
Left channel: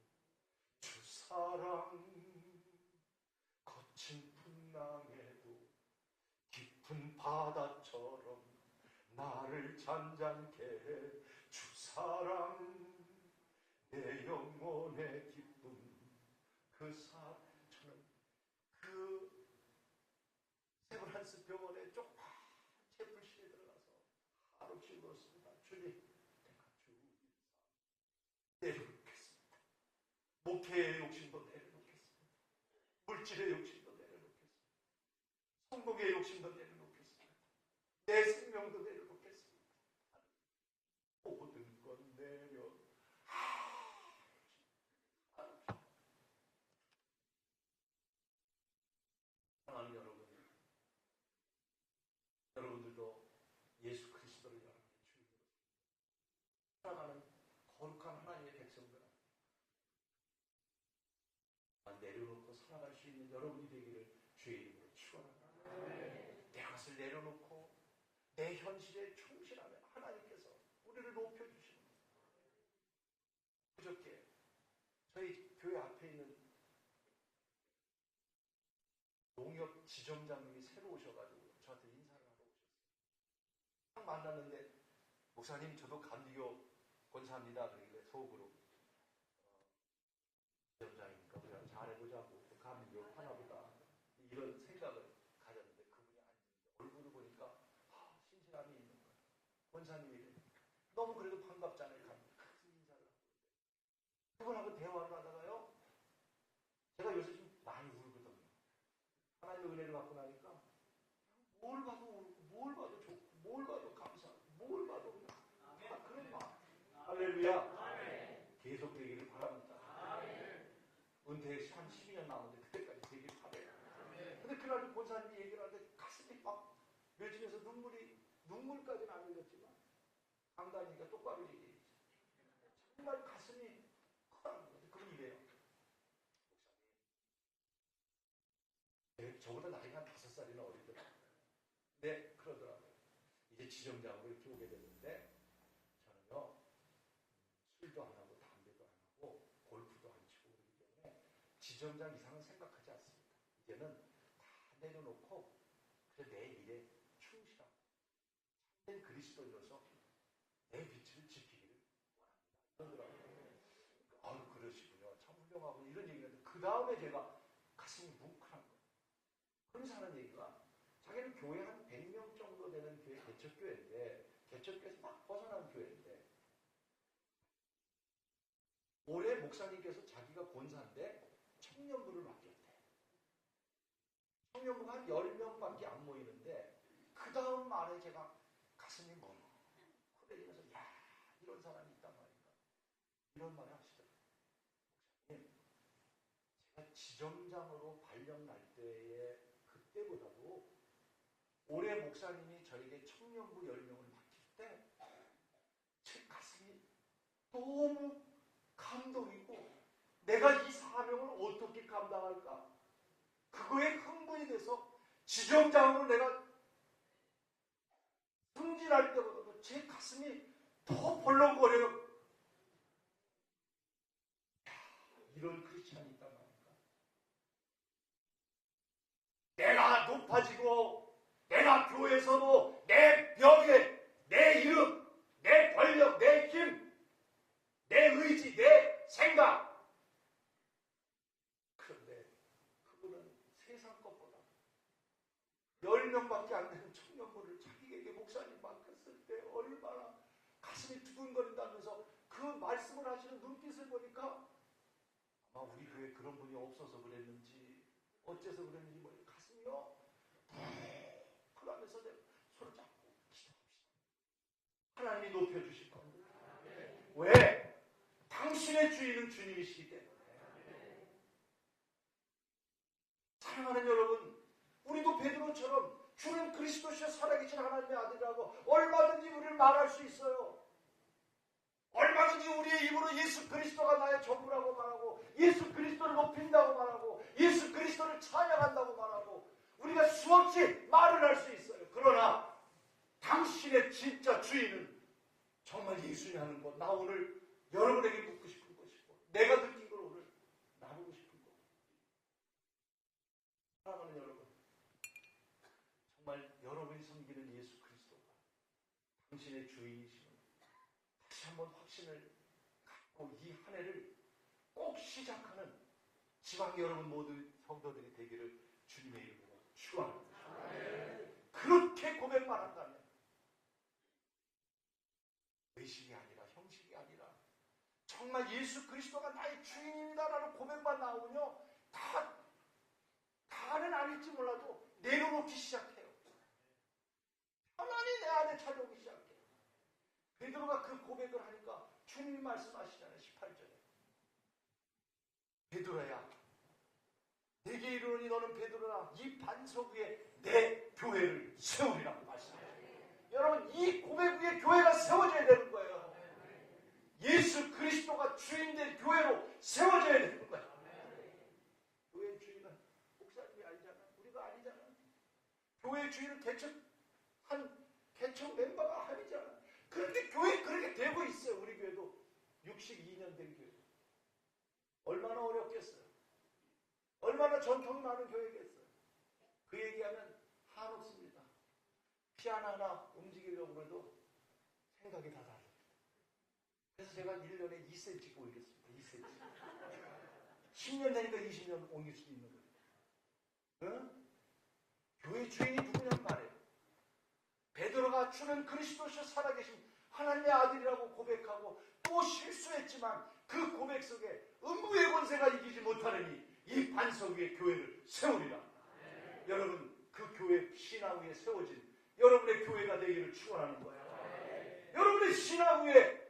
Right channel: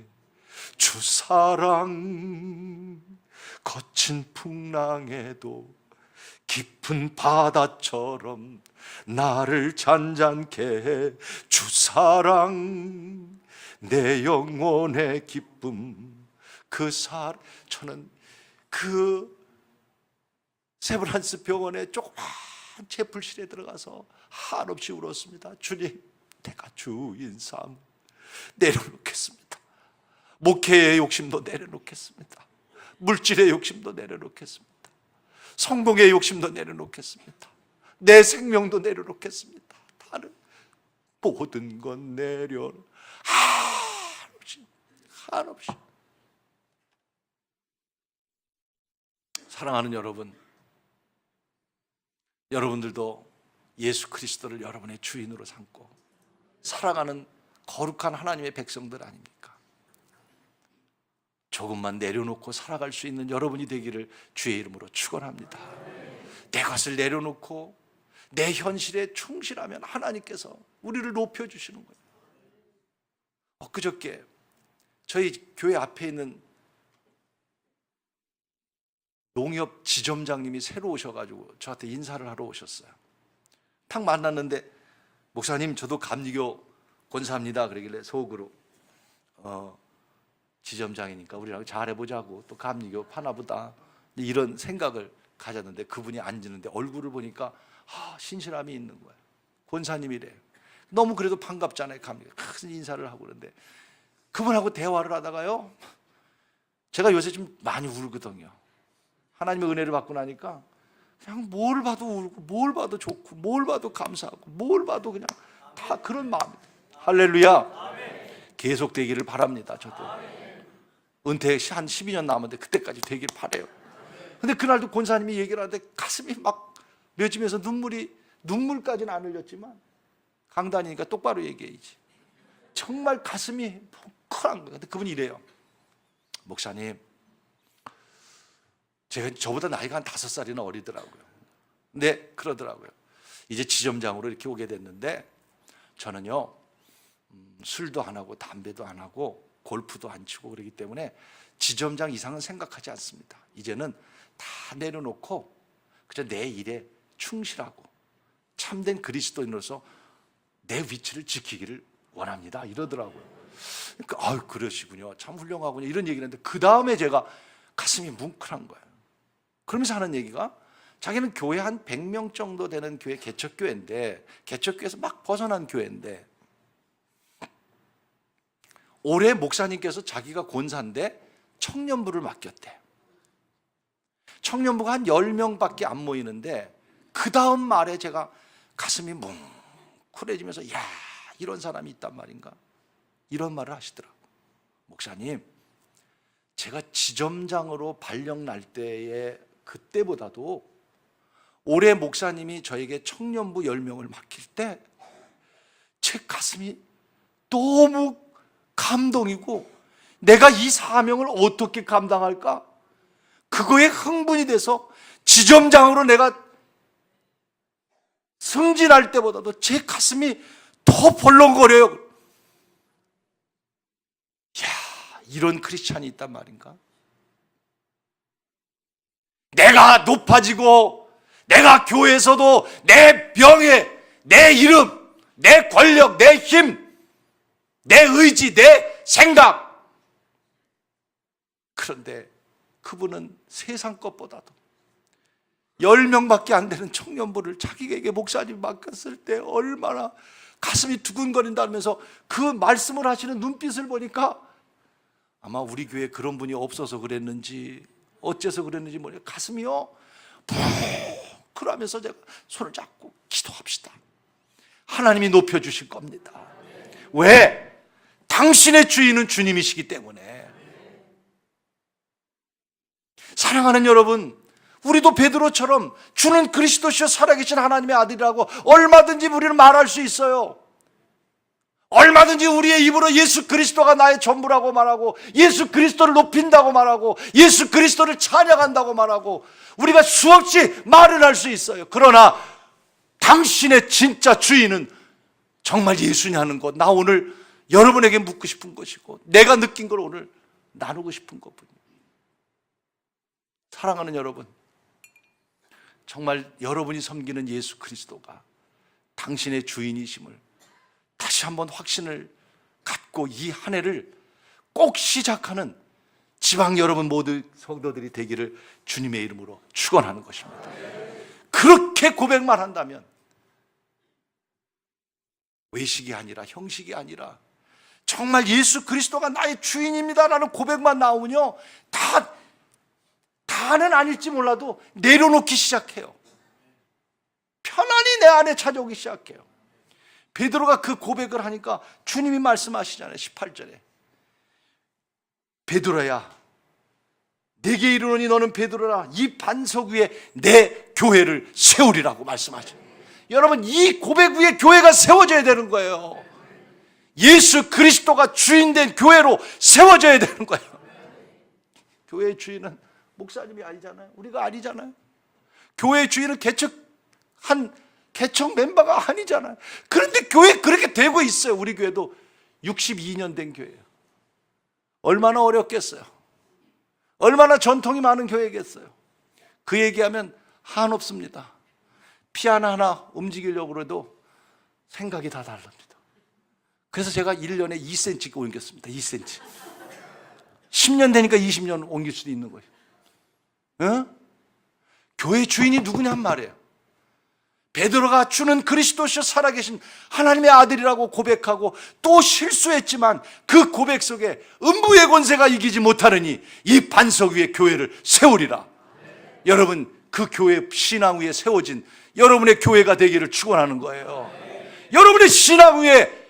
주 사랑 거친 풍랑에도 깊은 바다처럼 나를 잔잔케 해. 주 사랑 내 영혼의 기쁨. 저는 그 세브란스 병원에 조그만 채플실에 들어가서 한없이 울었습니다. 주님, 내가 주인 삶 내려놓겠습니다. 목회의 욕심도 내려놓겠습니다. 물질의 욕심도 내려놓겠습니다. 성공의 욕심도 내려놓겠습니다. 내 생명도 내려놓겠습니다. 다른 모든 건 한없이. 사랑하는 여러분, 여러분들도 예수 그리스도를 여러분의 주인으로 삼고 살아가는 거룩한 하나님의 백성들 아닙니까? 조금만 내려놓고 살아갈 수 있는 여러분이 되기를 주의 이름으로 축원합니다. 내 것을 내려놓고 내 현실에 충실하면 하나님께서 우리를 높여주시는 거예요. 엊그저께 저희 교회 앞에 있는 농협 지점장님이 새로 오셔가지고 저한테 인사를 하러 오셨어요. 딱 만났는데, 목사님 저도 감리교 권사입니다. 그러길래 속으로 지점장이니까 우리랑 잘해보자고, 또 감리교 파나보다, 이런 생각을 가졌는데, 그분이 앉는데 얼굴을 보니까 신실함이 있는 거예요. 권사님이래. 너무 그래도 반갑잖아요. 감리교 큰 인사를 하고. 그런데 그분하고 대화를 하다가요, 제가 요새 좀 많이 울거든요. 하나님의 은혜를 받고 나니까 그냥 뭘 봐도 울고, 뭘 봐도 좋고, 뭘 봐도 감사하고, 뭘 봐도 그냥 다 그런 마음이에요. 할렐루야. 계속 되기를 바랍니다. 저도 은퇴 한 12년 남았는데 그때까지 되길 바라요. 근데 그날도 권사님이 얘기를 하는데 가슴이 막 맺으면서 눈물까지는 안 흘렸지만, 강단이니까 똑바로 얘기해야지, 정말 가슴이 뭉클한 거예요. 근데 그분이 이래요. 목사님, 제가 저보다 나이가 한 5살이나 어리더라고요. 네, 그러더라고요. 이제 지점장으로 이렇게 오게 됐는데, 저는요 술도 안 하고 담배도 안 하고 골프도 안 치고 그러기 때문에 지점장 이상은 생각하지 않습니다. 이제는 다 내려놓고 그저 내 일에 충실하고 참된 그리스도인으로서 내 위치를 지키기를 원합니다. 이러더라고요. 그러니까 그러시군요. 참 훌륭하군요. 이런 얘기를 했는데, 그 다음에 제가 가슴이 뭉클한 거예요. 그러면서 하는 얘기가, 자기는 교회 한 100명 정도 되는 교회, 개척교회인데, 개척교회에서 막 벗어난 교회인데, 올해 목사님께서 자기가 권사인데 청년부를 맡겼대. 청년부가 한 10명밖에 안 모이는데, 그 다음 말에 제가 가슴이 뭉클해지면서, 야, 이런 사람이 있단 말인가, 이런 말을 하시더라고요. 목사님, 제가 지점장으로 발령 날 때의 그때보다도 올해 목사님이 저에게 청년부 10명을 맡길 때 제 가슴이 너무 감동이고, 내가 이 사명을 어떻게 감당할까, 그거에 흥분이 돼서 지점장으로 내가 승진할 때보다도 제 가슴이 더 벌렁거려요. 야, 이런 크리스찬이 있단 말인가? 내가 높아지고, 내가 교회에서도 내 명예, 내 이름, 내 권력, 내 힘, 내 의지, 내 생각. 그런데 그분은 세상 것보다도 10명밖에 안 되는 청년부를 자기에게 목사님 맡겼을 때 얼마나 가슴이 두근거린다면서, 그 말씀을 하시는 눈빛을 보니까 아마 우리 교회에 그런 분이 없어서 그랬는지 어째서 그랬는지 모르겠어요. 가슴이요 그러면서 제가 손을 잡고 기도합시다. 하나님이 높여주실 겁니다. 왜? 당신의 주인은 주님이시기 때문에. 사랑하는 여러분, 우리도 베드로처럼 주는 그리스도시요 살아계신 하나님의 아들이라고 얼마든지 우리는 말할 수 있어요. 얼마든지 우리의 입으로 예수 그리스도가 나의 전부라고 말하고, 예수 그리스도를 높인다고 말하고, 예수 그리스도를 찬양한다고 말하고, 우리가 수없이 말을 할 수 있어요. 그러나 당신의 진짜 주인은 정말 예수냐는 것, 나 오늘 여러분에게 묻고 싶은 것이고, 내가 느낀 걸 오늘 나누고 싶은 것뿐이에요. 사랑하는 여러분, 정말 여러분이 섬기는 예수 그리스도가 당신의 주인이심을 다시 한번 확신을 갖고 이 한 해를 꼭 시작하는 지방 여러분 모두 성도들이 되기를 주님의 이름으로 축원하는 것입니다. 그렇게 고백만 한다면 외식이 아니라 형식이 아니라 정말 예수 그리스도가 나의 주인입니다라는 고백만 나오면요, 다는 아닐지 몰라도 내려놓기 시작해요. 편안히 내 안에 찾아오기 시작해요. 베드로가 그 고백을 하니까 주님이 말씀하시잖아요. 18절에 베드로야, 내게 이르노니 너는 베드로라, 이 반석 위에 내 교회를 세우리라고 말씀하죠. 여러분, 이 고백 위에 교회가 세워져야 되는 거예요. 예수 그리스도가 주인된 교회로 세워져야 되는 거예요. 교회의 주인은 목사님이 아니잖아요. 우리가 아니잖아요. 교회의 주인은 개척 멤버가 아니잖아요. 그런데 교회 그렇게 되고 있어요. 우리 교회도 62년 된 교회예요. 얼마나 어렵겠어요. 얼마나 전통이 많은 교회겠어요. 그 얘기하면 한없습니다. 피 하나하나 움직이려고 해도 생각이 다 다릅니다. 그래서 제가 1년에 2cm 옮겼습니다. 2cm. 10년 되니까 20년 옮길 수도 있는 거예요. 어? 교회 주인이 누구냔 말이에요. 베드로가 주는 그리스도시요 살아계신 하나님의 아들이라고 고백하고 또 실수했지만 그 고백 속에 음부의 권세가 이기지 못하느니 이 반석 위에 교회를 세우리라. 여러분, 그 교회 신앙 위에 세워진 여러분의 교회가 되기를 축원하는 거예요. 여러분의 신앙 위에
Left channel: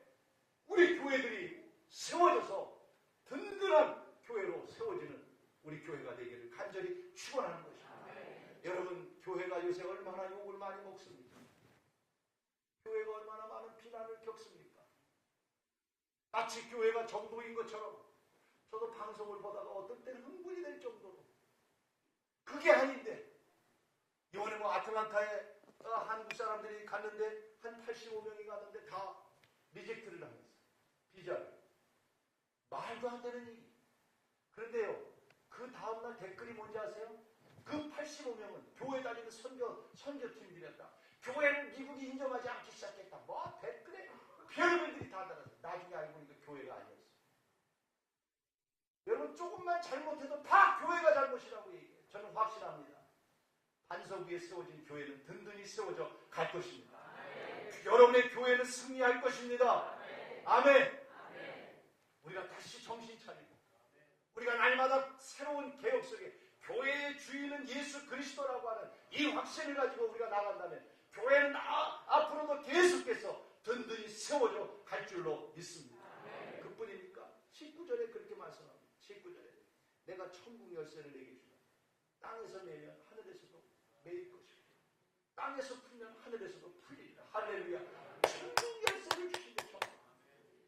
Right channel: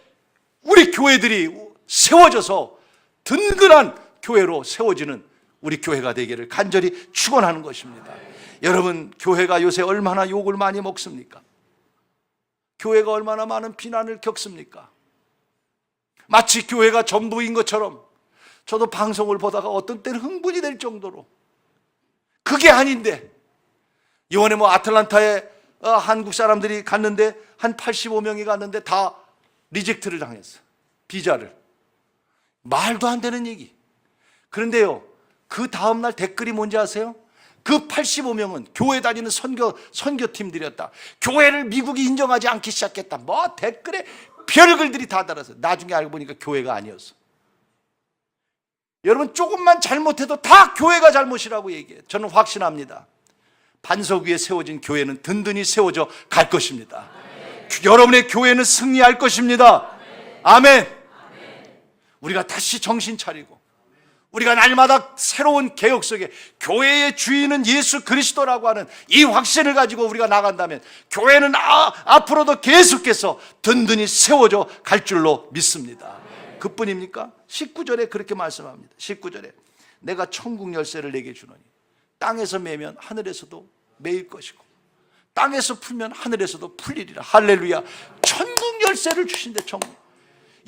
우리 교회들이 세워져서 든든한 교회로 세워지는 우리 교회가 되기를 간절히 축원하는 것입니다. 여러분, 교회가 요새 얼마나 욕을 많이 먹습니까? 교회가 얼마나 많은 비난을 겪습니까? 마치 교회가 전부인 것처럼 저도 방송을 보다가 어떤 때는 흥분이 될 정도로 그게 아닌데, 이번에 아틀란타에 한국 사람들이 갔는데 한 85명이 갔는데 다 리젝트를 당했어요. 비자를. 말도 안 되는 얘기. 그런데요, 그 다음날 댓글이 뭔지 아세요? 그 85명은 교회 다니는 선교팀들이었다. 교회를 미국이 인정하지 않기 시작했다. 댓글에 별글들이 다 달았어요. 나중에 알고 보니까 교회가 아니었어. 여러분, 조금만 잘못해도 다 교회가 잘못이라고 얘기해요. 저는 확신합니다. 반석 위에 세워진 교회는 든든히 세워져 갈 것입니다. 여러분의 교회는 승리할 것입니다. 아멘. 우리가 다시 정신 차리고 우리가 날마다 새로운 개혁 속에 교회의 주인은 예수 그리스도라고 하는 이 확신을 가지고 우리가 나간다면 교회는 앞으로도 계속해서 든든히 세워져 갈 줄로 믿습니다. 그뿐입니까? 19절에 그렇게 말씀합니다. 19절에 내가 천국 열쇠를 내게 주노니 땅에서 매면 하늘에서도 매일 것이고 땅에서 풀면 하늘에서도 풀리리라. 할렐루야. 천국 열쇠를 주신대. 천국.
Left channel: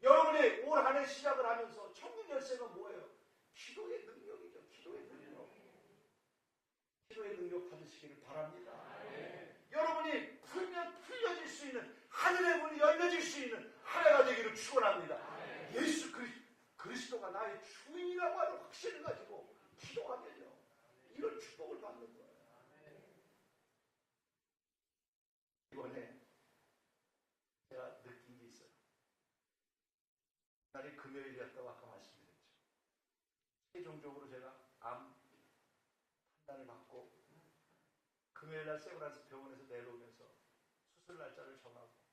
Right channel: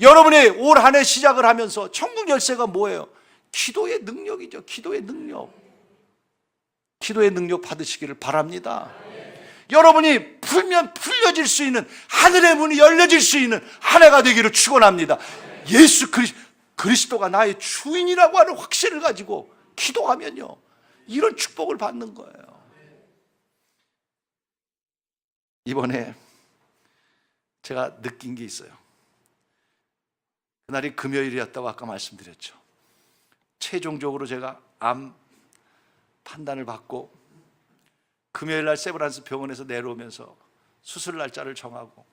여러분의 올 한 해 시작을 하면서 천국 열쇠가 뭐예요? 기도의 능력이죠. 기도의 능력. 기도의 능력 받으시기를 바랍니다. 여러분이 풀면 풀려질 수 있는 하늘의 문이 열려질 수 있는 한 해가 되기를 축원합니다. 예수 그리스도가 나의 주인이라고 하는 확신을 가지고 기도하면요, 이런 축복을 받는 거예요. 이번에 제가 느낀 게 있어요. 그날이 금요일이었다고 아까 말씀드렸죠. 최종적으로 제가 암 판단을 받고 금요일 날 세브란스 병원에서 내려오면서 수술 날짜를 정하고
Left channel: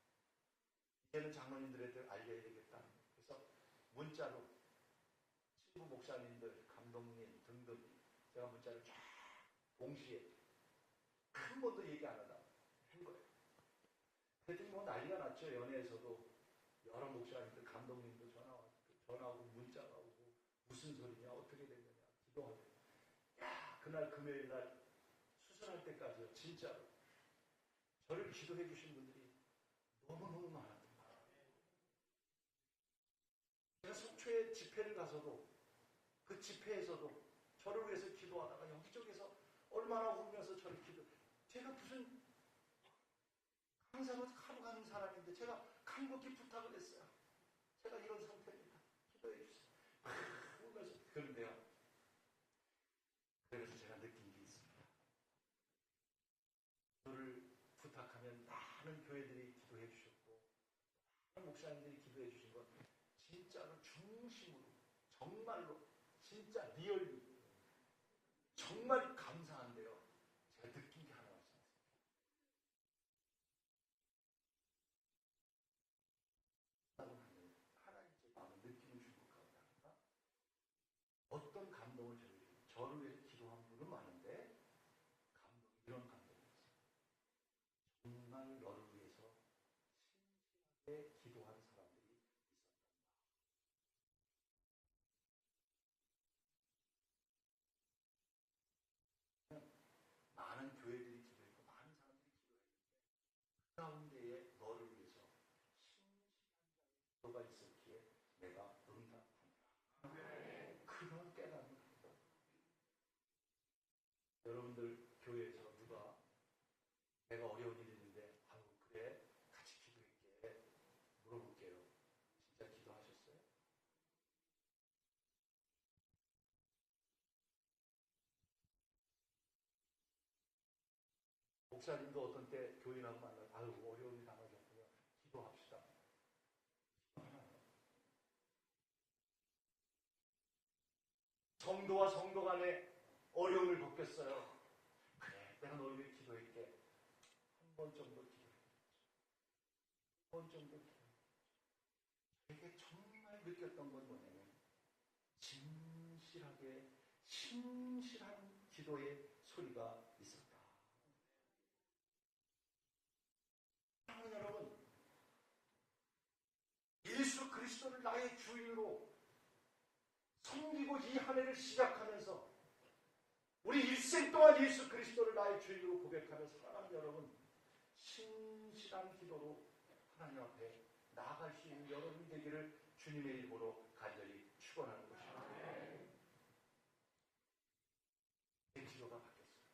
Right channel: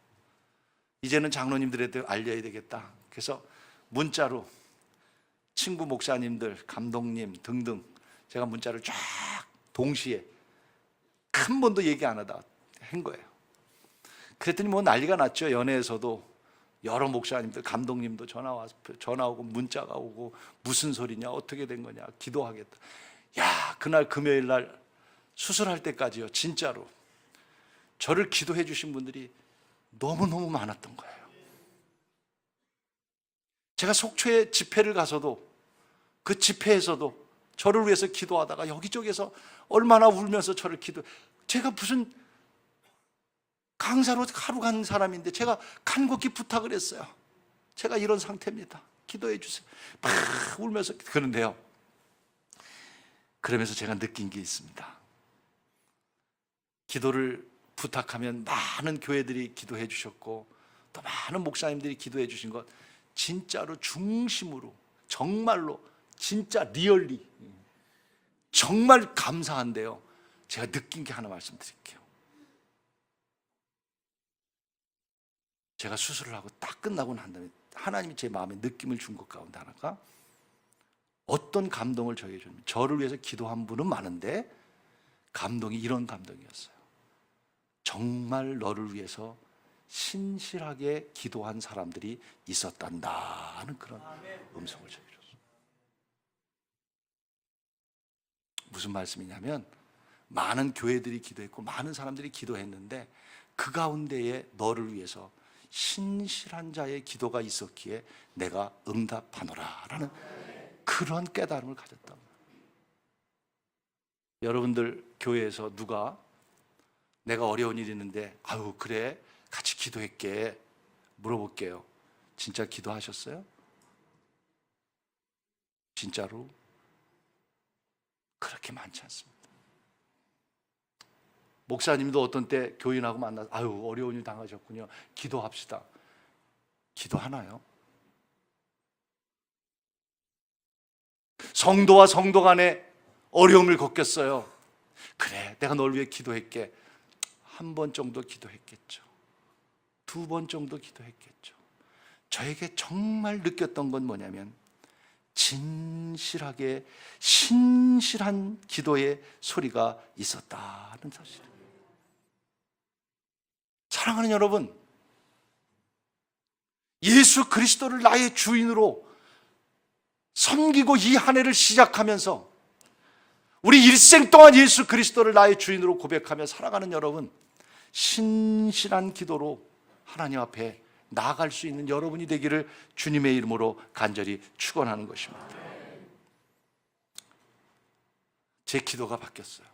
이제는 장로님들한테 알려야 되겠다. 그래서 문자로 친구 목사님들, 감독님 등등 제가 문자를 쫙 동시에 한 번도 얘기 안 하다 한 거예요. 그랬더니 난리가 났죠. 연예에서도 여러 목사님들, 감독님도 전화 오고 문자가 오고 무슨 소리냐, 어떻게 된 거냐, 기도하겠다. 야, 그날 금요일 날 수술할 때까지요, 진짜로 저를 기도해 주신 분들이 너무너무 많았던 거예요. 제가 속초에 집회를 가서도 그 집회에서도 저를 위해서 기도하다가 여기저기서 얼마나 울면서 저를 제가 무슨 강사로 하루 간 사람인데 제가 간곡히 부탁을 했어요. 제가 이런 상태입니다. 기도해 주세요. 막 울면서. 그런데요, 그러면서 제가 느낀 게 있습니다. 기도를 부탁하면 많은 교회들이 기도해 주셨고 또 많은 목사님들이 기도해 주신 것, 진짜로 중심으로 정말로 진짜 리얼리 정말 감사한데요, 제가 느낀 게 하나 말씀드릴게요. 제가 수술을 하고 딱 끝나고 난 다음에 하나님이 제 마음에 느낌을 준 것 가운데 하나가, 어떤 감동을 저에게 줍니다. 저를 위해서 기도한 분은 많은데 감동이 이런 감동이었어요. 정말 너를 위해서 신실하게 기도한 사람들이 있었단다 하는 그런 음성을 저에게 줬어요. 무슨 말씀이냐면, 많은 교회들이 기도했고 많은 사람들이 기도했는데 그 가운데에 너를 위해서 신실한 자의 기도가 있었기에 내가 응답하노라 라는 그런 깨달음을 가졌다. 여러분들 교회에서 누가 내가 어려운 일이 있는데 아유 그래 같이 기도할게 물어볼게요. 진짜 기도하셨어요? 진짜로? 그렇게 많지 않습니다. 목사님도 어떤 때 교인하고 만나서 아유 어려운 일 당하셨군요, 기도합시다. 기도하나요? 성도와 성도 간에 어려움을 겪겠어요. 그래 내가 널 위해 기도할게. 한 번 정도 기도했겠죠. 두 번 정도 기도했겠죠. 저에게 정말 느꼈던 건 뭐냐면, 진실하게 신실한 기도의 소리가 있었다는 사실이에요. 사랑하는 여러분, 예수 그리스도를 나의 주인으로 섬기고 이 한 해를 시작하면서 우리 일생 동안 예수 그리스도를 나의 주인으로 고백하며 살아가는 여러분, 신실한 기도로 하나님 앞에 나아갈 수 있는 여러분이 되기를 주님의 이름으로 간절히 축원하는 것입니다. 제 기도가 바뀌었어요.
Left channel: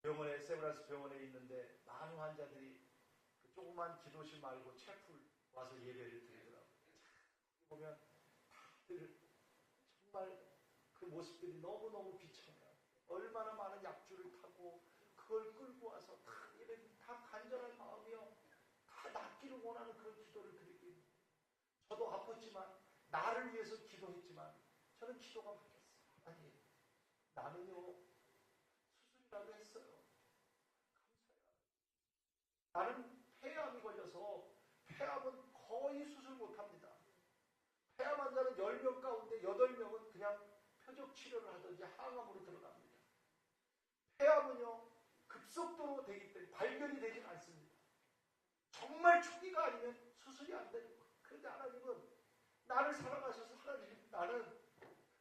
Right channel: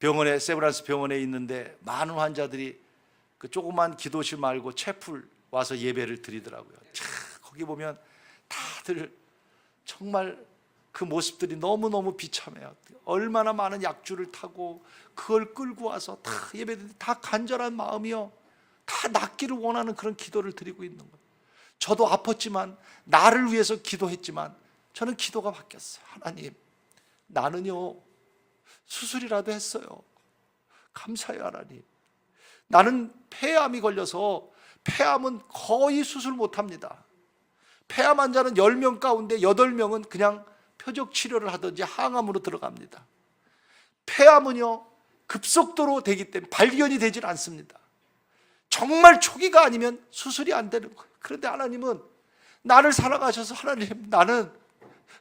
병원에, 세브란스 병원에 있는데 많은 환자들이 그 조그만 기도실 말고 채플 와서 예배를 드리더라고요. 참, 거기 보면 다들 정말 그 모습들이 너무너무 비참해요. 얼마나 많은 약주를 타고 그걸 끌고 와서 다 예배드리는데 다 간절한 마음이요, 다 낫기를 원하는 그런 기도를 드리고 있는 거예요. 저도 아팠지만, 나를 위해서 기도했지만 저는 기도가 바뀌었어요. 하나님, 나는요 수술이라도 했어요. 감사해요 하나님. 나는 폐암이 걸려서, 폐암은 거의 수술 못합니다. 폐암 환자는 10명 가운데 8명은 그냥 표적 치료를 하든지 항암으로 들어갑니다. 폐암은요 급속도로 되기 때문에 발견이 되질 않습니다. 정말 초기가 아니면 수술이 안 되는 거예요. 그런데 하나님은 나를 사랑하셔서, 하나님 나는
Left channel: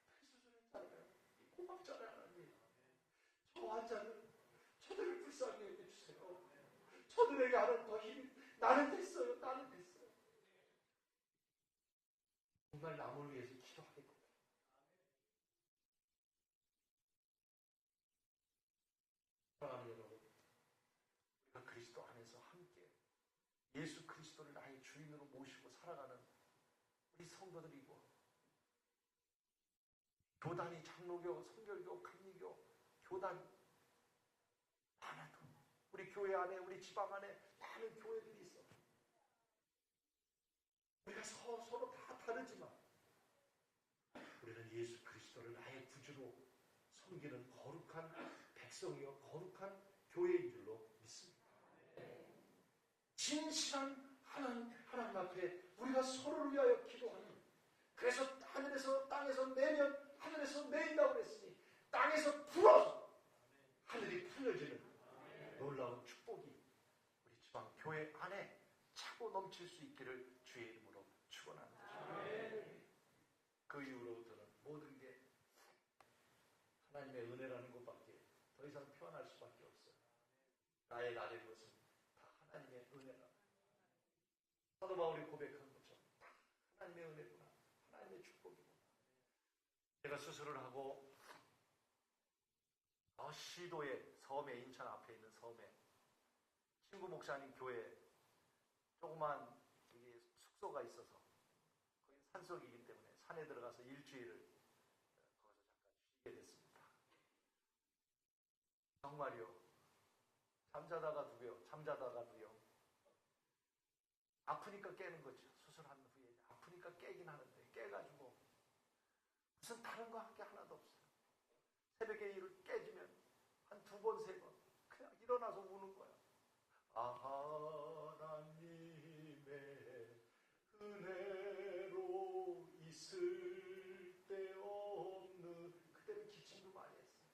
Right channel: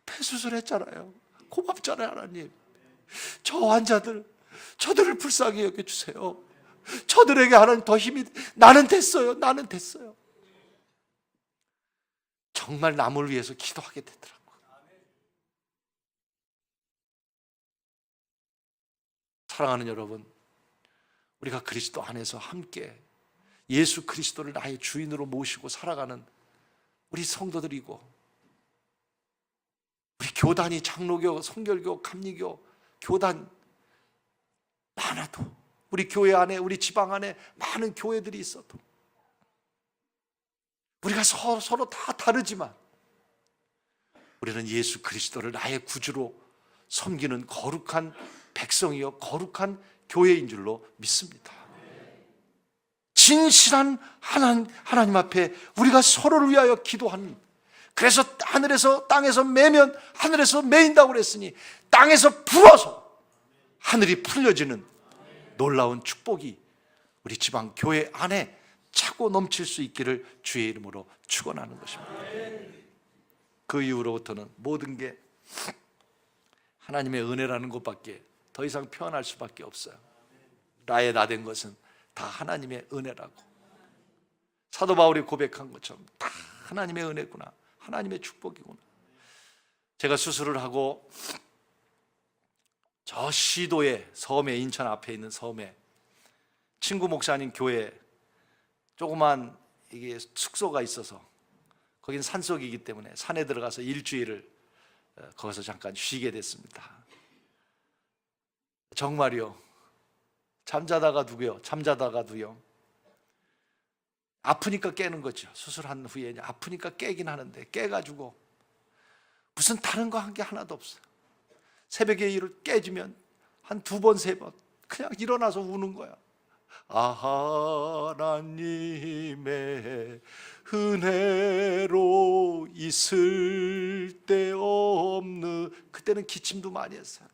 폐수술 했잖아요. 고맙잖아요 하나님. 저 환자들, 저들을 불쌍히 여겨주세요. 저들에게 하나님 더 힘이, 나는 됐어요. 나는 됐어요. 정말 남을 위해서 기도하게 되더라고요. 사랑하는 여러분, 우리가 그리스도 안에서 함께 예수 그리스도를 나의 주인으로 모시고 살아가는 우리 성도들이고, 우리 교단이 장로교, 성결교, 감리교 교단 많아도, 우리 교회 안에, 우리 지방 안에 많은 교회들이 있어도, 우리가 서로 다 다르지만 우리는 예수 그리스도를 나의 구주로 섬기는 거룩한 백성이요 거룩한 교회인 줄로 믿습니다. 진실한 하나님 앞에 우리가 서로를 위하여 기도하는, 그래서 하늘에서 땅에서 매면 하늘에서 매인다고 그랬으니 땅에서 불어서 하늘이 풀려지는 놀라운 축복이 우리 지방 교회 안에 차고 넘칠 수 있기를 주의 이름으로 축원하는 것입니다. 그 이후로부터는 모든 게 하나님의 은혜라는 것밖에 더 이상 표현할 수밖에 없어요. 나의 나된 것은 다 하나님의 은혜라고. 사도 바울이 고백한 것처럼 다 하나님의 은혜구나, 하나님의 축복이구나. 제가 수술을 하고 저 시도에, 섬에, 인천 앞에 있는 섬에 친구 목사님 교회 조그만 이게 숙소가 있어서, 거긴 산속이기 때문에 산에 들어가서 일주일을 거기서 잠깐 쉬게 됐습니다. 정말요, 잠자다가도요 아프니까 깨는 거죠. 수술한 후에 아프니까 깨긴 하는데, 깨가지고 무슨 다른 거 한 게 하나도 없어요. 새벽에 일을 깨지면 한 2번, 3번 그냥 일어나서 우는 거야. 하나님의 은혜로 있을 때 없는, 그때는 기침도 많이 했어요.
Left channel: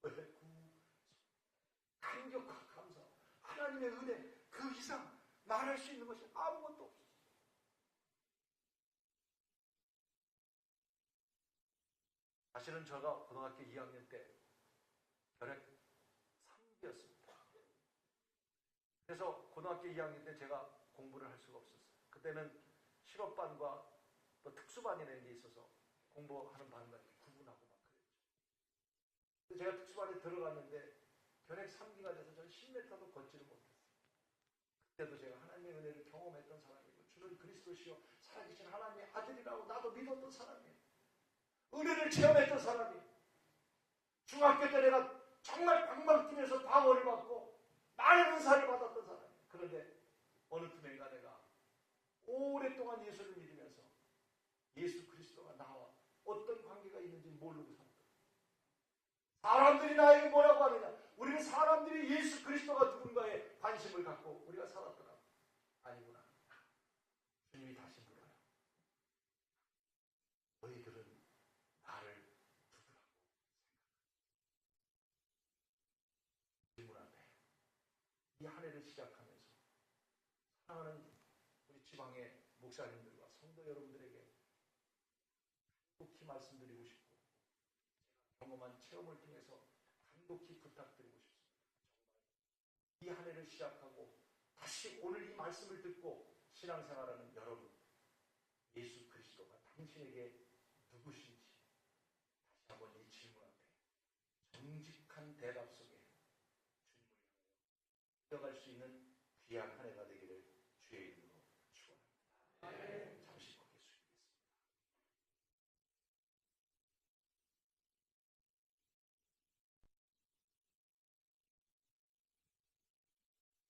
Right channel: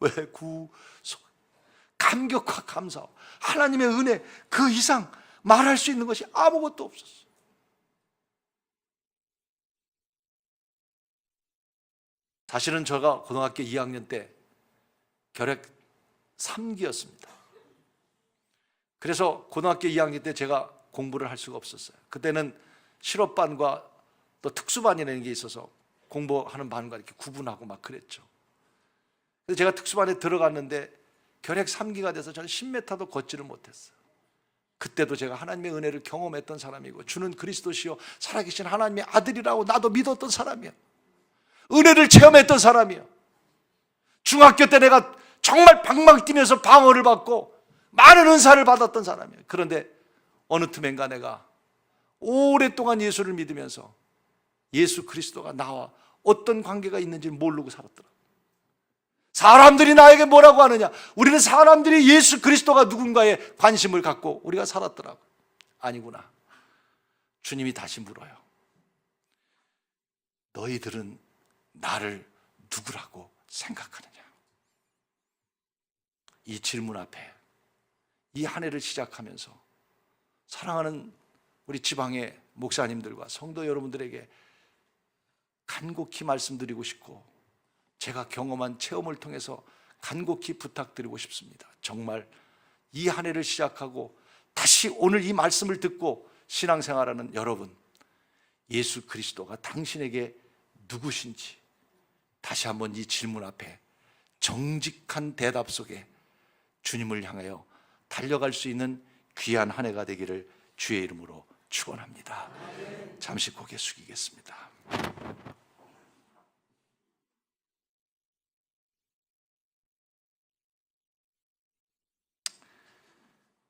왜 구속, 감격과 감사, 하나님의 은혜 그 이상 말할 수 있는 것이 아무것도 없었어요. 사실은 제가 고등학교 2학년 때 결핵 3기였습니다. 그래서 고등학교 2학년 때 제가 공부를 할 수가 없었어요. 그때는 실업반과 또 특수반이라는 게 있어서 공부하는 반과 이렇게 구분하고 막 그랬죠. 그래서 제가 특수반에 들어갔는데 결핵 3기가 돼서 저는 10m도 걷지를 못했어요. 그때도 제가 하나님의 은혜를 경험했던 사람이고, 주는 그리스도시요 살아계신 하나님의 아들이라고 나도 믿었던 사람이야. 은혜를 체험했던 사람이야. 중학교 때 내가 정말 방망 뛰면서 방어를 받고 많은 은사를 받았던 사람이에요. 그런데 어느 틈엔가 내가 오랫동안 예수를 믿으면서 예수 그리스도가 나와 어떤 관계가 있는지 모르고 살았더라. 사람들이 나에게 뭐라고 하느냐, 우리는 사람들이 예수 그리스도가 누군가에 관심을 갖고 우리가 살았더라고. 아니구나. 주님이 다시 물어요. 너희들은 나를 누구라고 생각하느냐? 이 질문 앞에 이 한 해를 시작하면서 사랑하는 우리 지방의 목사님들과 성도 여러분들에게 간곡히 말씀드리고 싶고, 제가 경험한 체험을 통해서 간곡히 부탁드리고 싶습니다. 정말 이 한 해를 시작하고 다시 오늘 이 말씀을 듣고 신앙생활하는 여러분, 예수 그리스도가 당신에게 누구신지 다시 한번 이 질문 앞에 정직한 대답 속에 주님을 향하여 달려갈 수 있는 귀한 한 해가 되기를 주의 이름으로 축원합니다. 잠시 고개 숙이겠습니다.